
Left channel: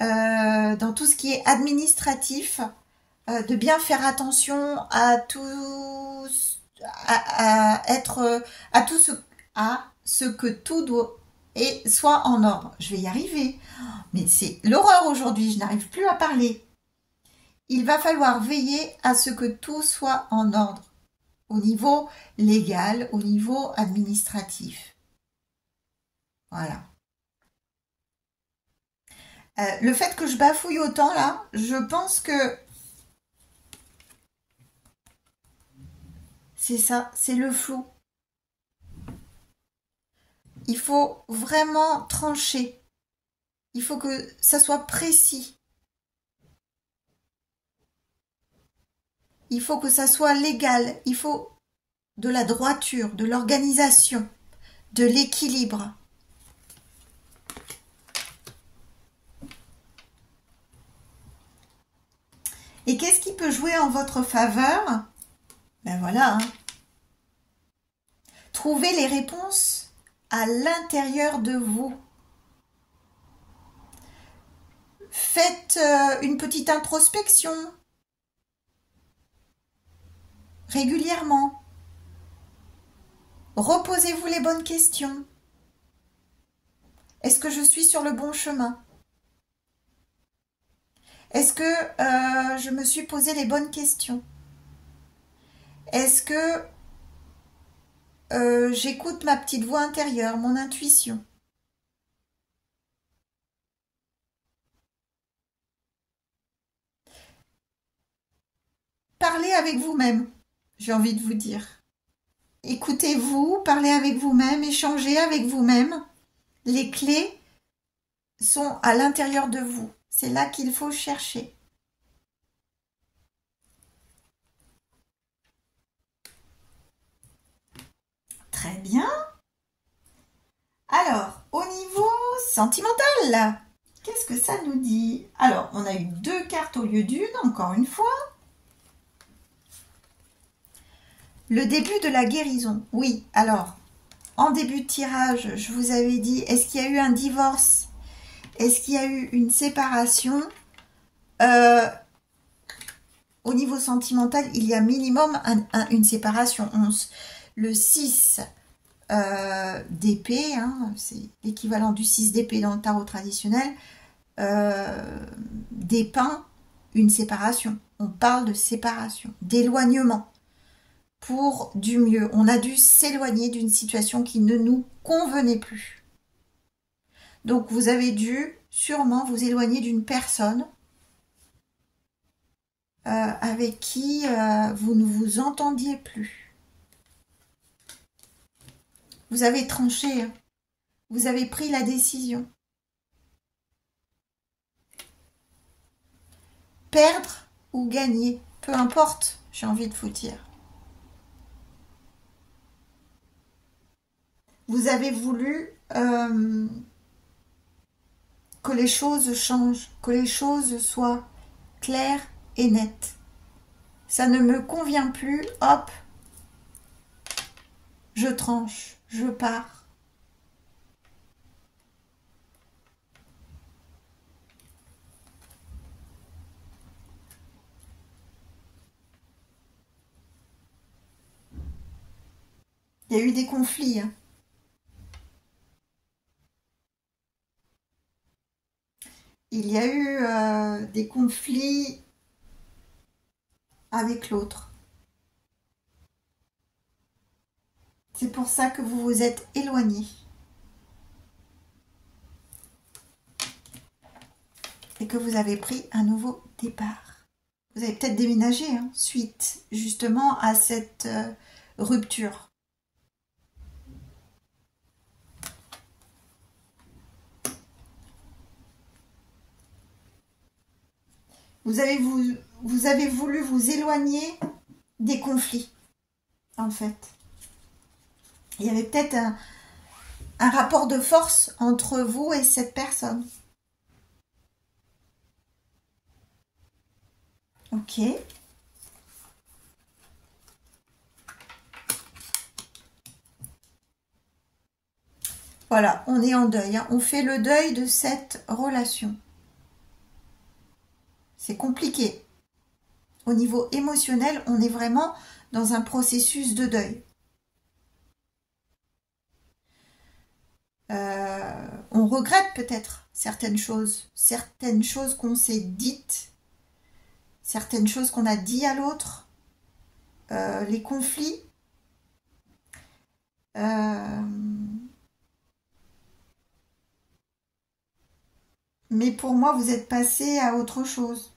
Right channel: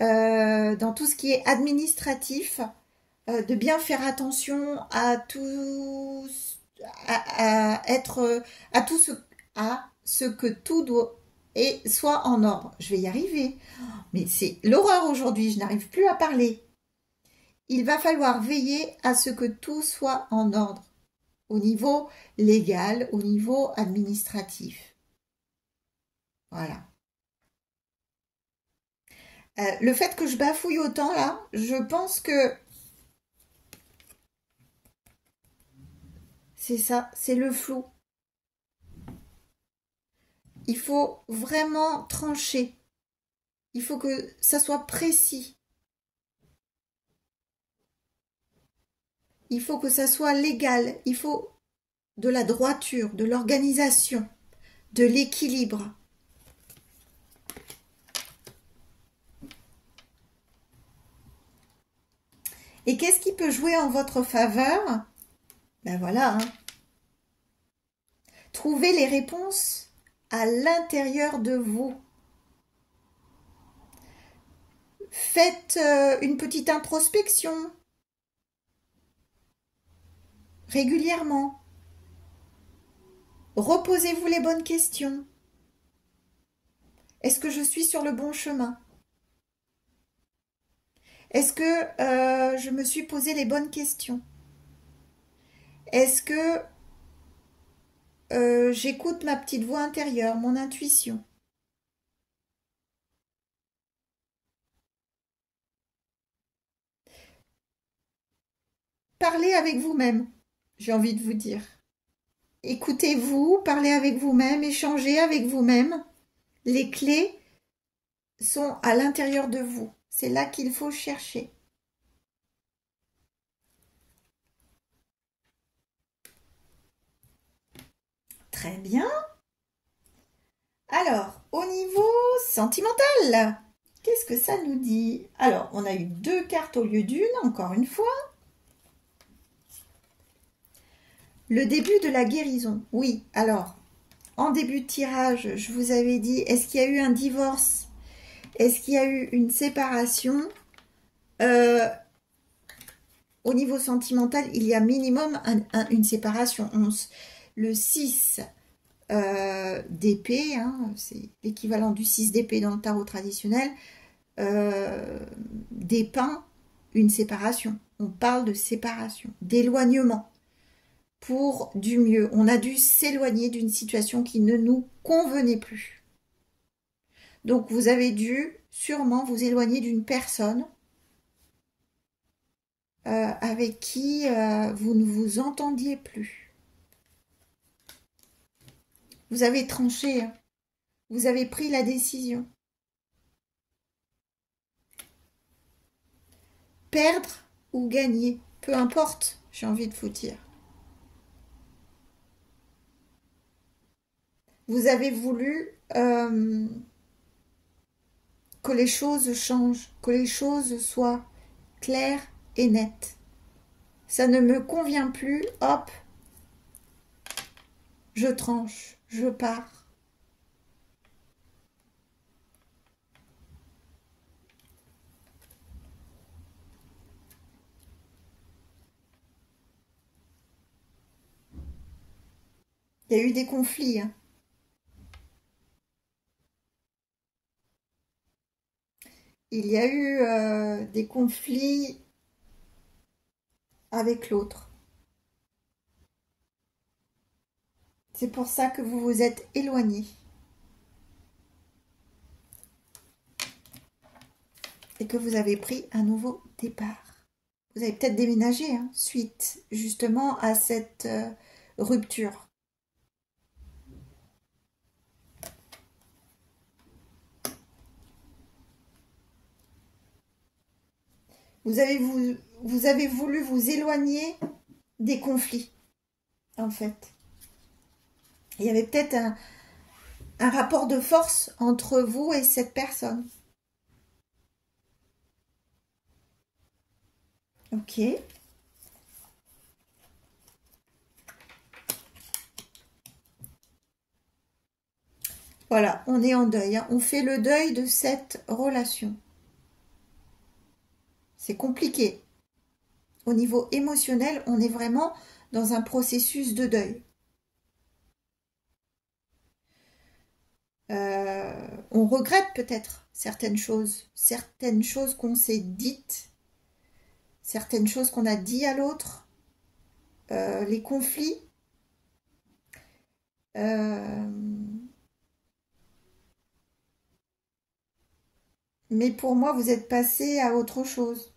dans tout ce qui est administratif, de bien faire attention à tout, à ce que tout doit et soit en ordre. Je vais y arriver, mais c'est l'horreur aujourd'hui, je n'arrive plus à parler. Il va falloir veiller à ce que tout soit en ordre, au niveau légal, au niveau administratif. Voilà. Le fait que je bafouille autant là, je pense que c'est ça, c'est le flou. Il faut vraiment trancher. Il faut que ça soit précis. Il faut que ça soit légal. Il faut de la droiture, de l'organisation, de l'équilibre. Et qu'est-ce qui peut jouer en votre faveur? Ben voilà. Trouvez les réponses à l'intérieur de vous. Faites une petite introspection régulièrement. Reposez-vous les bonnes questions. Est-ce que je suis sur le bon chemin? Est-ce que je me suis posé les bonnes questions? Est-ce que j'écoute ma petite voix intérieure, mon intuition? Parlez avec vous-même, j'ai envie de vous dire. Écoutez-vous, parlez avec vous-même, échangez avec vous-même. Les clés sont à l'intérieur de vous. C'est là qu'il faut chercher. Très bien. Alors, au niveau sentimental, qu'est-ce que ça nous dit? Alors, on a eu 2 cartes au lieu d'une, encore une fois. Le début de la guérison. Oui, alors, en début de tirage, je vous avais dit, est-ce qu'il y a eu un divorce? Est-ce qu'il y a eu une séparation? Au niveau sentimental, il y a minimum une séparation. Le 6 d'épée, c'est l'équivalent du 6 d'épée dans le tarot traditionnel, dépeint une séparation. On parle de séparation, d'éloignement pour du mieux. On a dû s'éloigner d'une situation qui ne nous convenait plus. Donc vous avez dû sûrement vous éloigner d'une personne avec qui vous ne vous entendiez plus. Vous avez tranché, vous avez pris la décision. Perdre ou gagner, peu importe, j'ai envie de vous dire. Vous avez voulu que les choses changent, que les choses soient claires et nettes. ça ne me convient plus, hop, je tranche, je pars. Il y a eu des conflits, hein. Il y a eu des conflits avec l'autre. C'est pour ça que vous vous êtes éloigné. Et que vous avez pris un nouveau départ. Vous avez peut-être déménagé, hein, suite justement à cette rupture. Vous avez voulu vous éloigner des conflits, en fait. Il y avait peut-être un rapport de force entre vous et cette personne. Ok. Voilà, on est en deuil, hein. On fait le deuil de cette relation. C'est compliqué. Au niveau émotionnel, on est vraiment dans un processus de deuil. On regrette peut-être certaines choses qu'on s'est dites, certaines choses qu'on a dit à l'autre, les conflits. Mais pour moi, vous êtes passé à autre chose.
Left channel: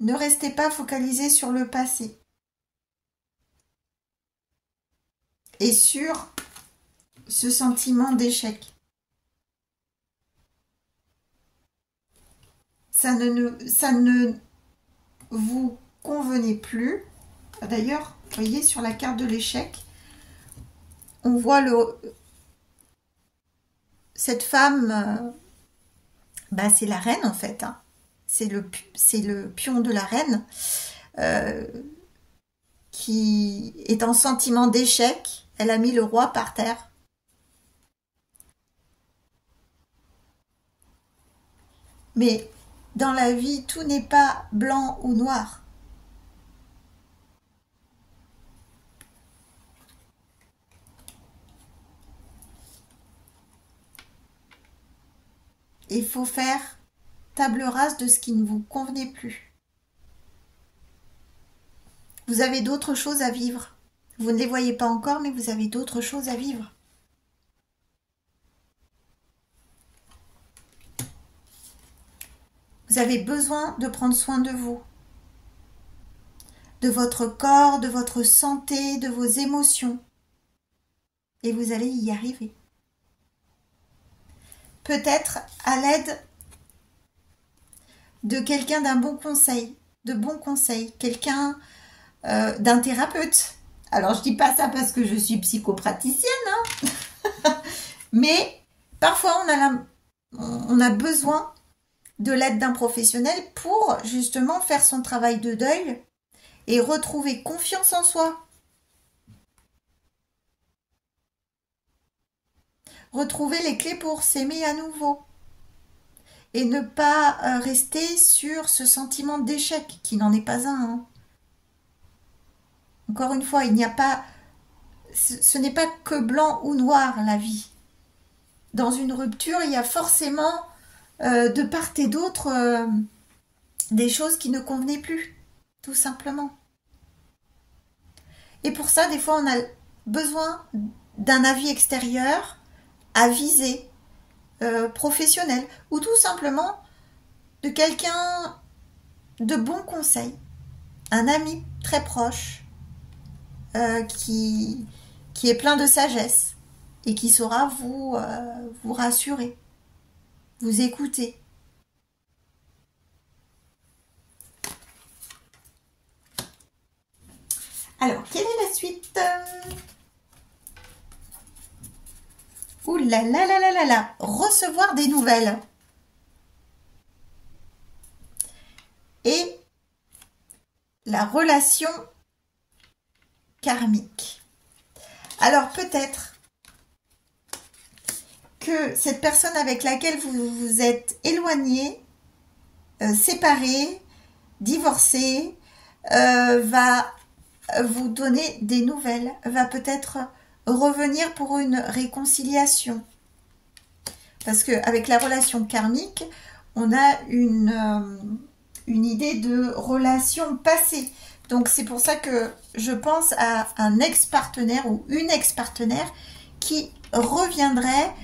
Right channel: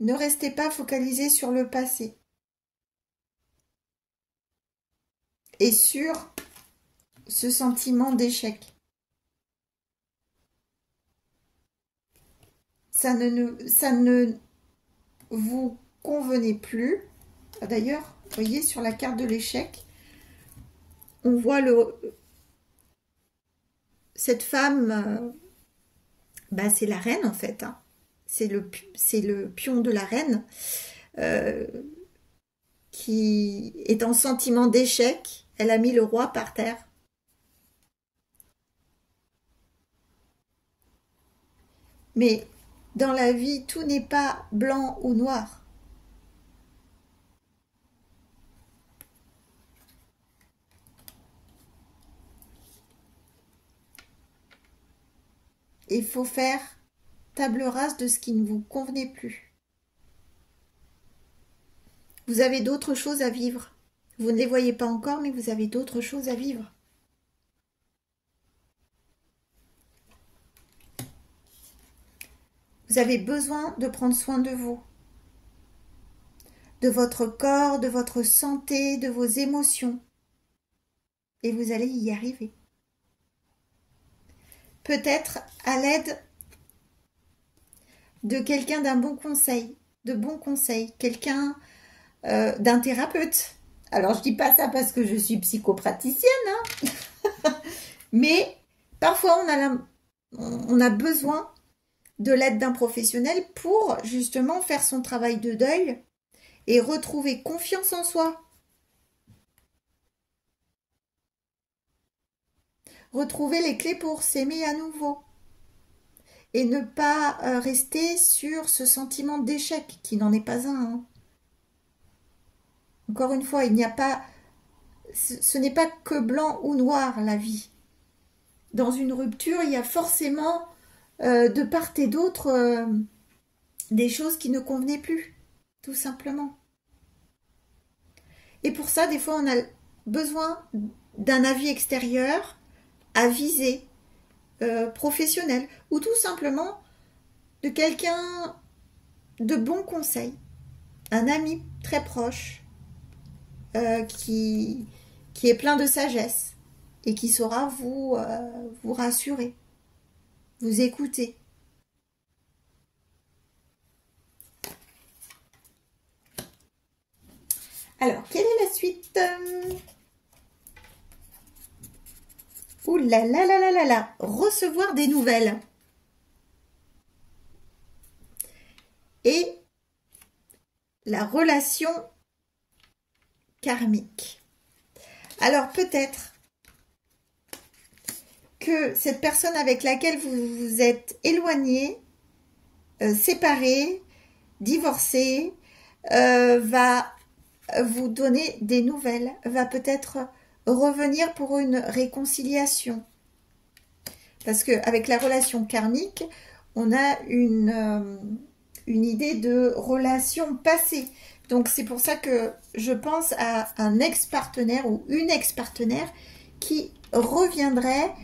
Ne restez pas focalisé sur le passé. Et sur ce sentiment d'échec. Ça ne vous convenait plus. D'ailleurs, vous voyez, sur la carte de l'échec, on voit cette femme, c'est la reine en fait, hein. C'est le pion de la reine qui est en sentiment d'échec. Elle a mis le roi par terre. Mais dans la vie, tout n'est pas blanc ou noir. Il faut faire table rase de ce qui ne vous convenait plus. Vous avez d'autres choses à vivre. Vous ne les voyez pas encore, mais vous avez d'autres choses à vivre. Vous avez besoin de prendre soin de vous, de votre corps, de votre santé, de vos émotions. Et vous allez y arriver. Peut-être à l'aide de quelqu'un d'un bon conseil, quelqu'un d'un thérapeute. Alors, je dis pas ça parce que je suis psychopraticienne, hein. Mais parfois, on a besoin de l'aide d'un professionnel pour justement faire son travail de deuil et retrouver confiance en soi. Retrouver les clés pour s'aimer à nouveau. Et ne pas rester sur ce sentiment d'échec, qui n'en est pas un, hein. Encore une fois, il n'y a pas... Ce n'est pas que blanc ou noir, la vie. Dans une rupture, il y a forcément, de part et d'autre, des choses qui ne convenaient plus, tout simplement. Et pour ça, des fois, on a besoin d'un avis extérieur, avisé, professionnel, ou tout simplement de quelqu'un de bon conseil, un ami très proche, qui est plein de sagesse et qui saura vous rassurer, vous écouter. Alors, quelle est la suite? Ouh là là là là là là, recevoir des nouvelles. la relation karmique. Alors peut-être que cette personne avec laquelle vous vous êtes éloigné, séparé, divorcé, va vous donner des nouvelles, va peut-être revenir pour une réconciliation. Parce qu'avec la relation karmique, on a une idée de relation passée. Donc c'est pour ça que je pense à un ex-partenaire ou une ex-partenaire qui reviendrait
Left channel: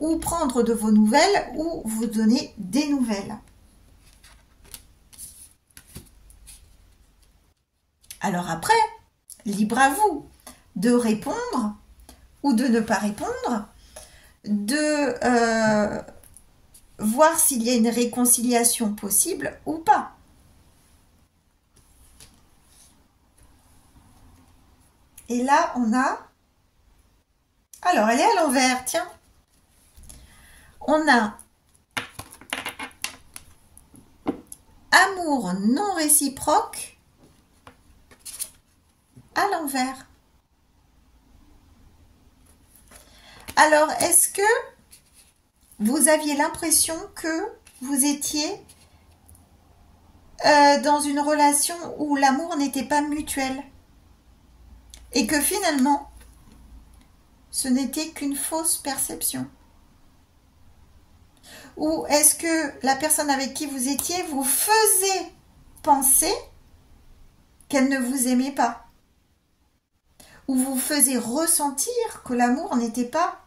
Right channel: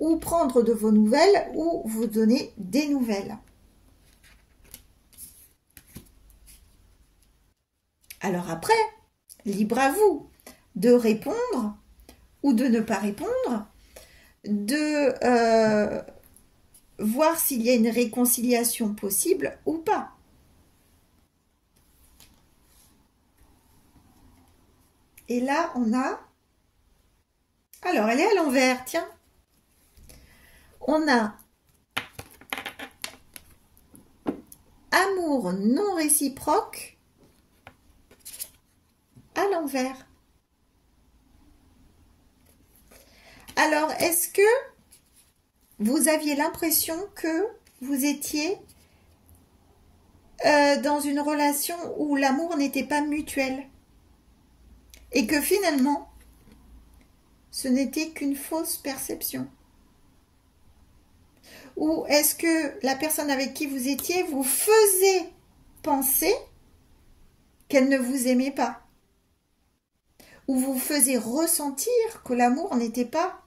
ou prendre de vos nouvelles ou vous donner des nouvelles. Alors après, libre à vous de répondre ou de ne pas répondre, de voir s'il y a une réconciliation possible ou pas. Et là, on a... Alors, elle est à l'envers, tiens. On a amour non réciproque à l'envers. Alors, est-ce que vous aviez l'impression que vous étiez dans une relation où l'amour n'était pas mutuel et que finalement, ce n'était qu'une fausse perception? Ou est-ce que la personne avec qui vous étiez vous faisait penser qu'elle ne vous aimait pas? Ou vous faisait ressentir que l'amour n'était pas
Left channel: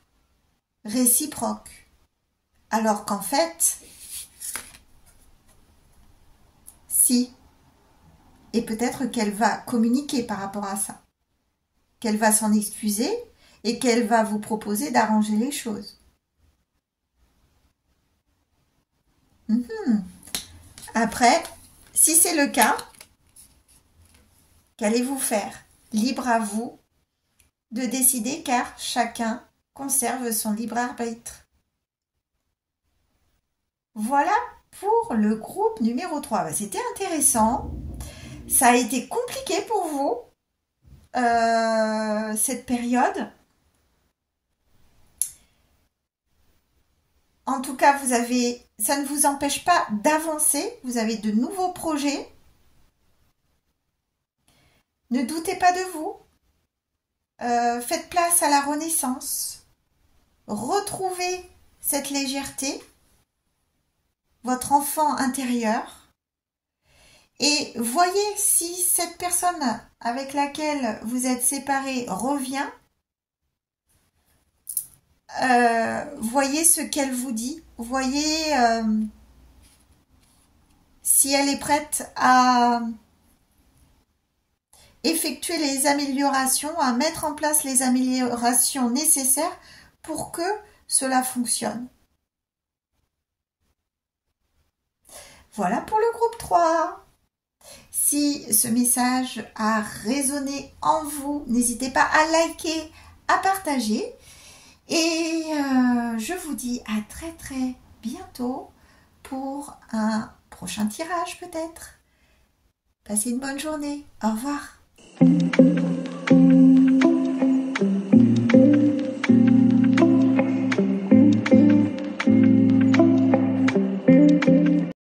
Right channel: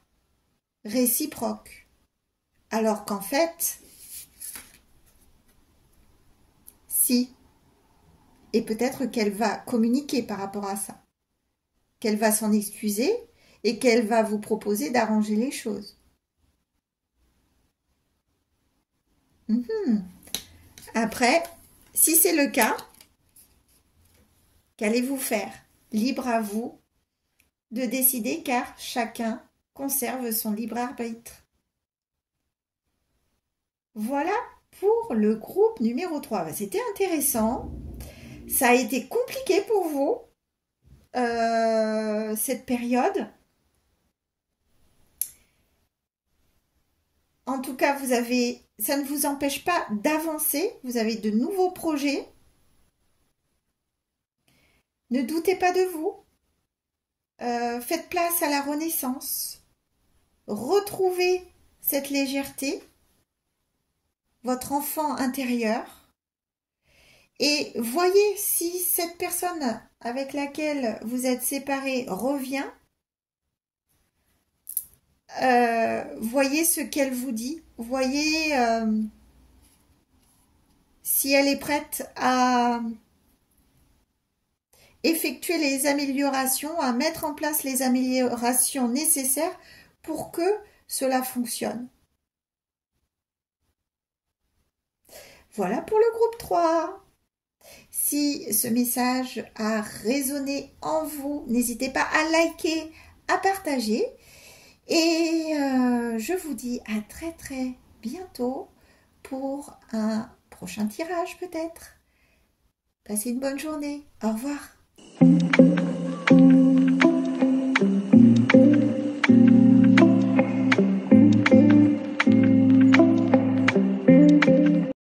réciproque? Alors qu'en fait, si. Et peut-être qu'elle va communiquer par rapport à ça. Qu'elle va s'en excuser et qu'elle va vous proposer d'arranger les choses. Après, si c'est le cas, qu'allez-vous faire? Libre à vous de décider car chacun conserve son libre arbitre. Voilà pour le groupe numéro 3. C'était intéressant. Ça a été compliqué pour vous, cette période. En tout cas, ça ne vous empêche pas d'avancer. Vous avez de nouveaux projets. Ne doutez pas de vous. Faites place à la renaissance. Retrouvez cette légèreté, votre enfant intérieur. Et voyez si cette personne avec laquelle vous êtes séparés revient. Voyez ce qu'elle vous dit. Voyez si elle est prête à effectuer les améliorations, à mettre en place les améliorations nécessaires pour que cela fonctionne. Voilà pour le groupe 3. Si ce message a résonné en vous, n'hésitez pas à liker, à partager. Et je vous dis à très très bientôt pour un prochain tirage peut-être. Passez une bonne journée. Au revoir.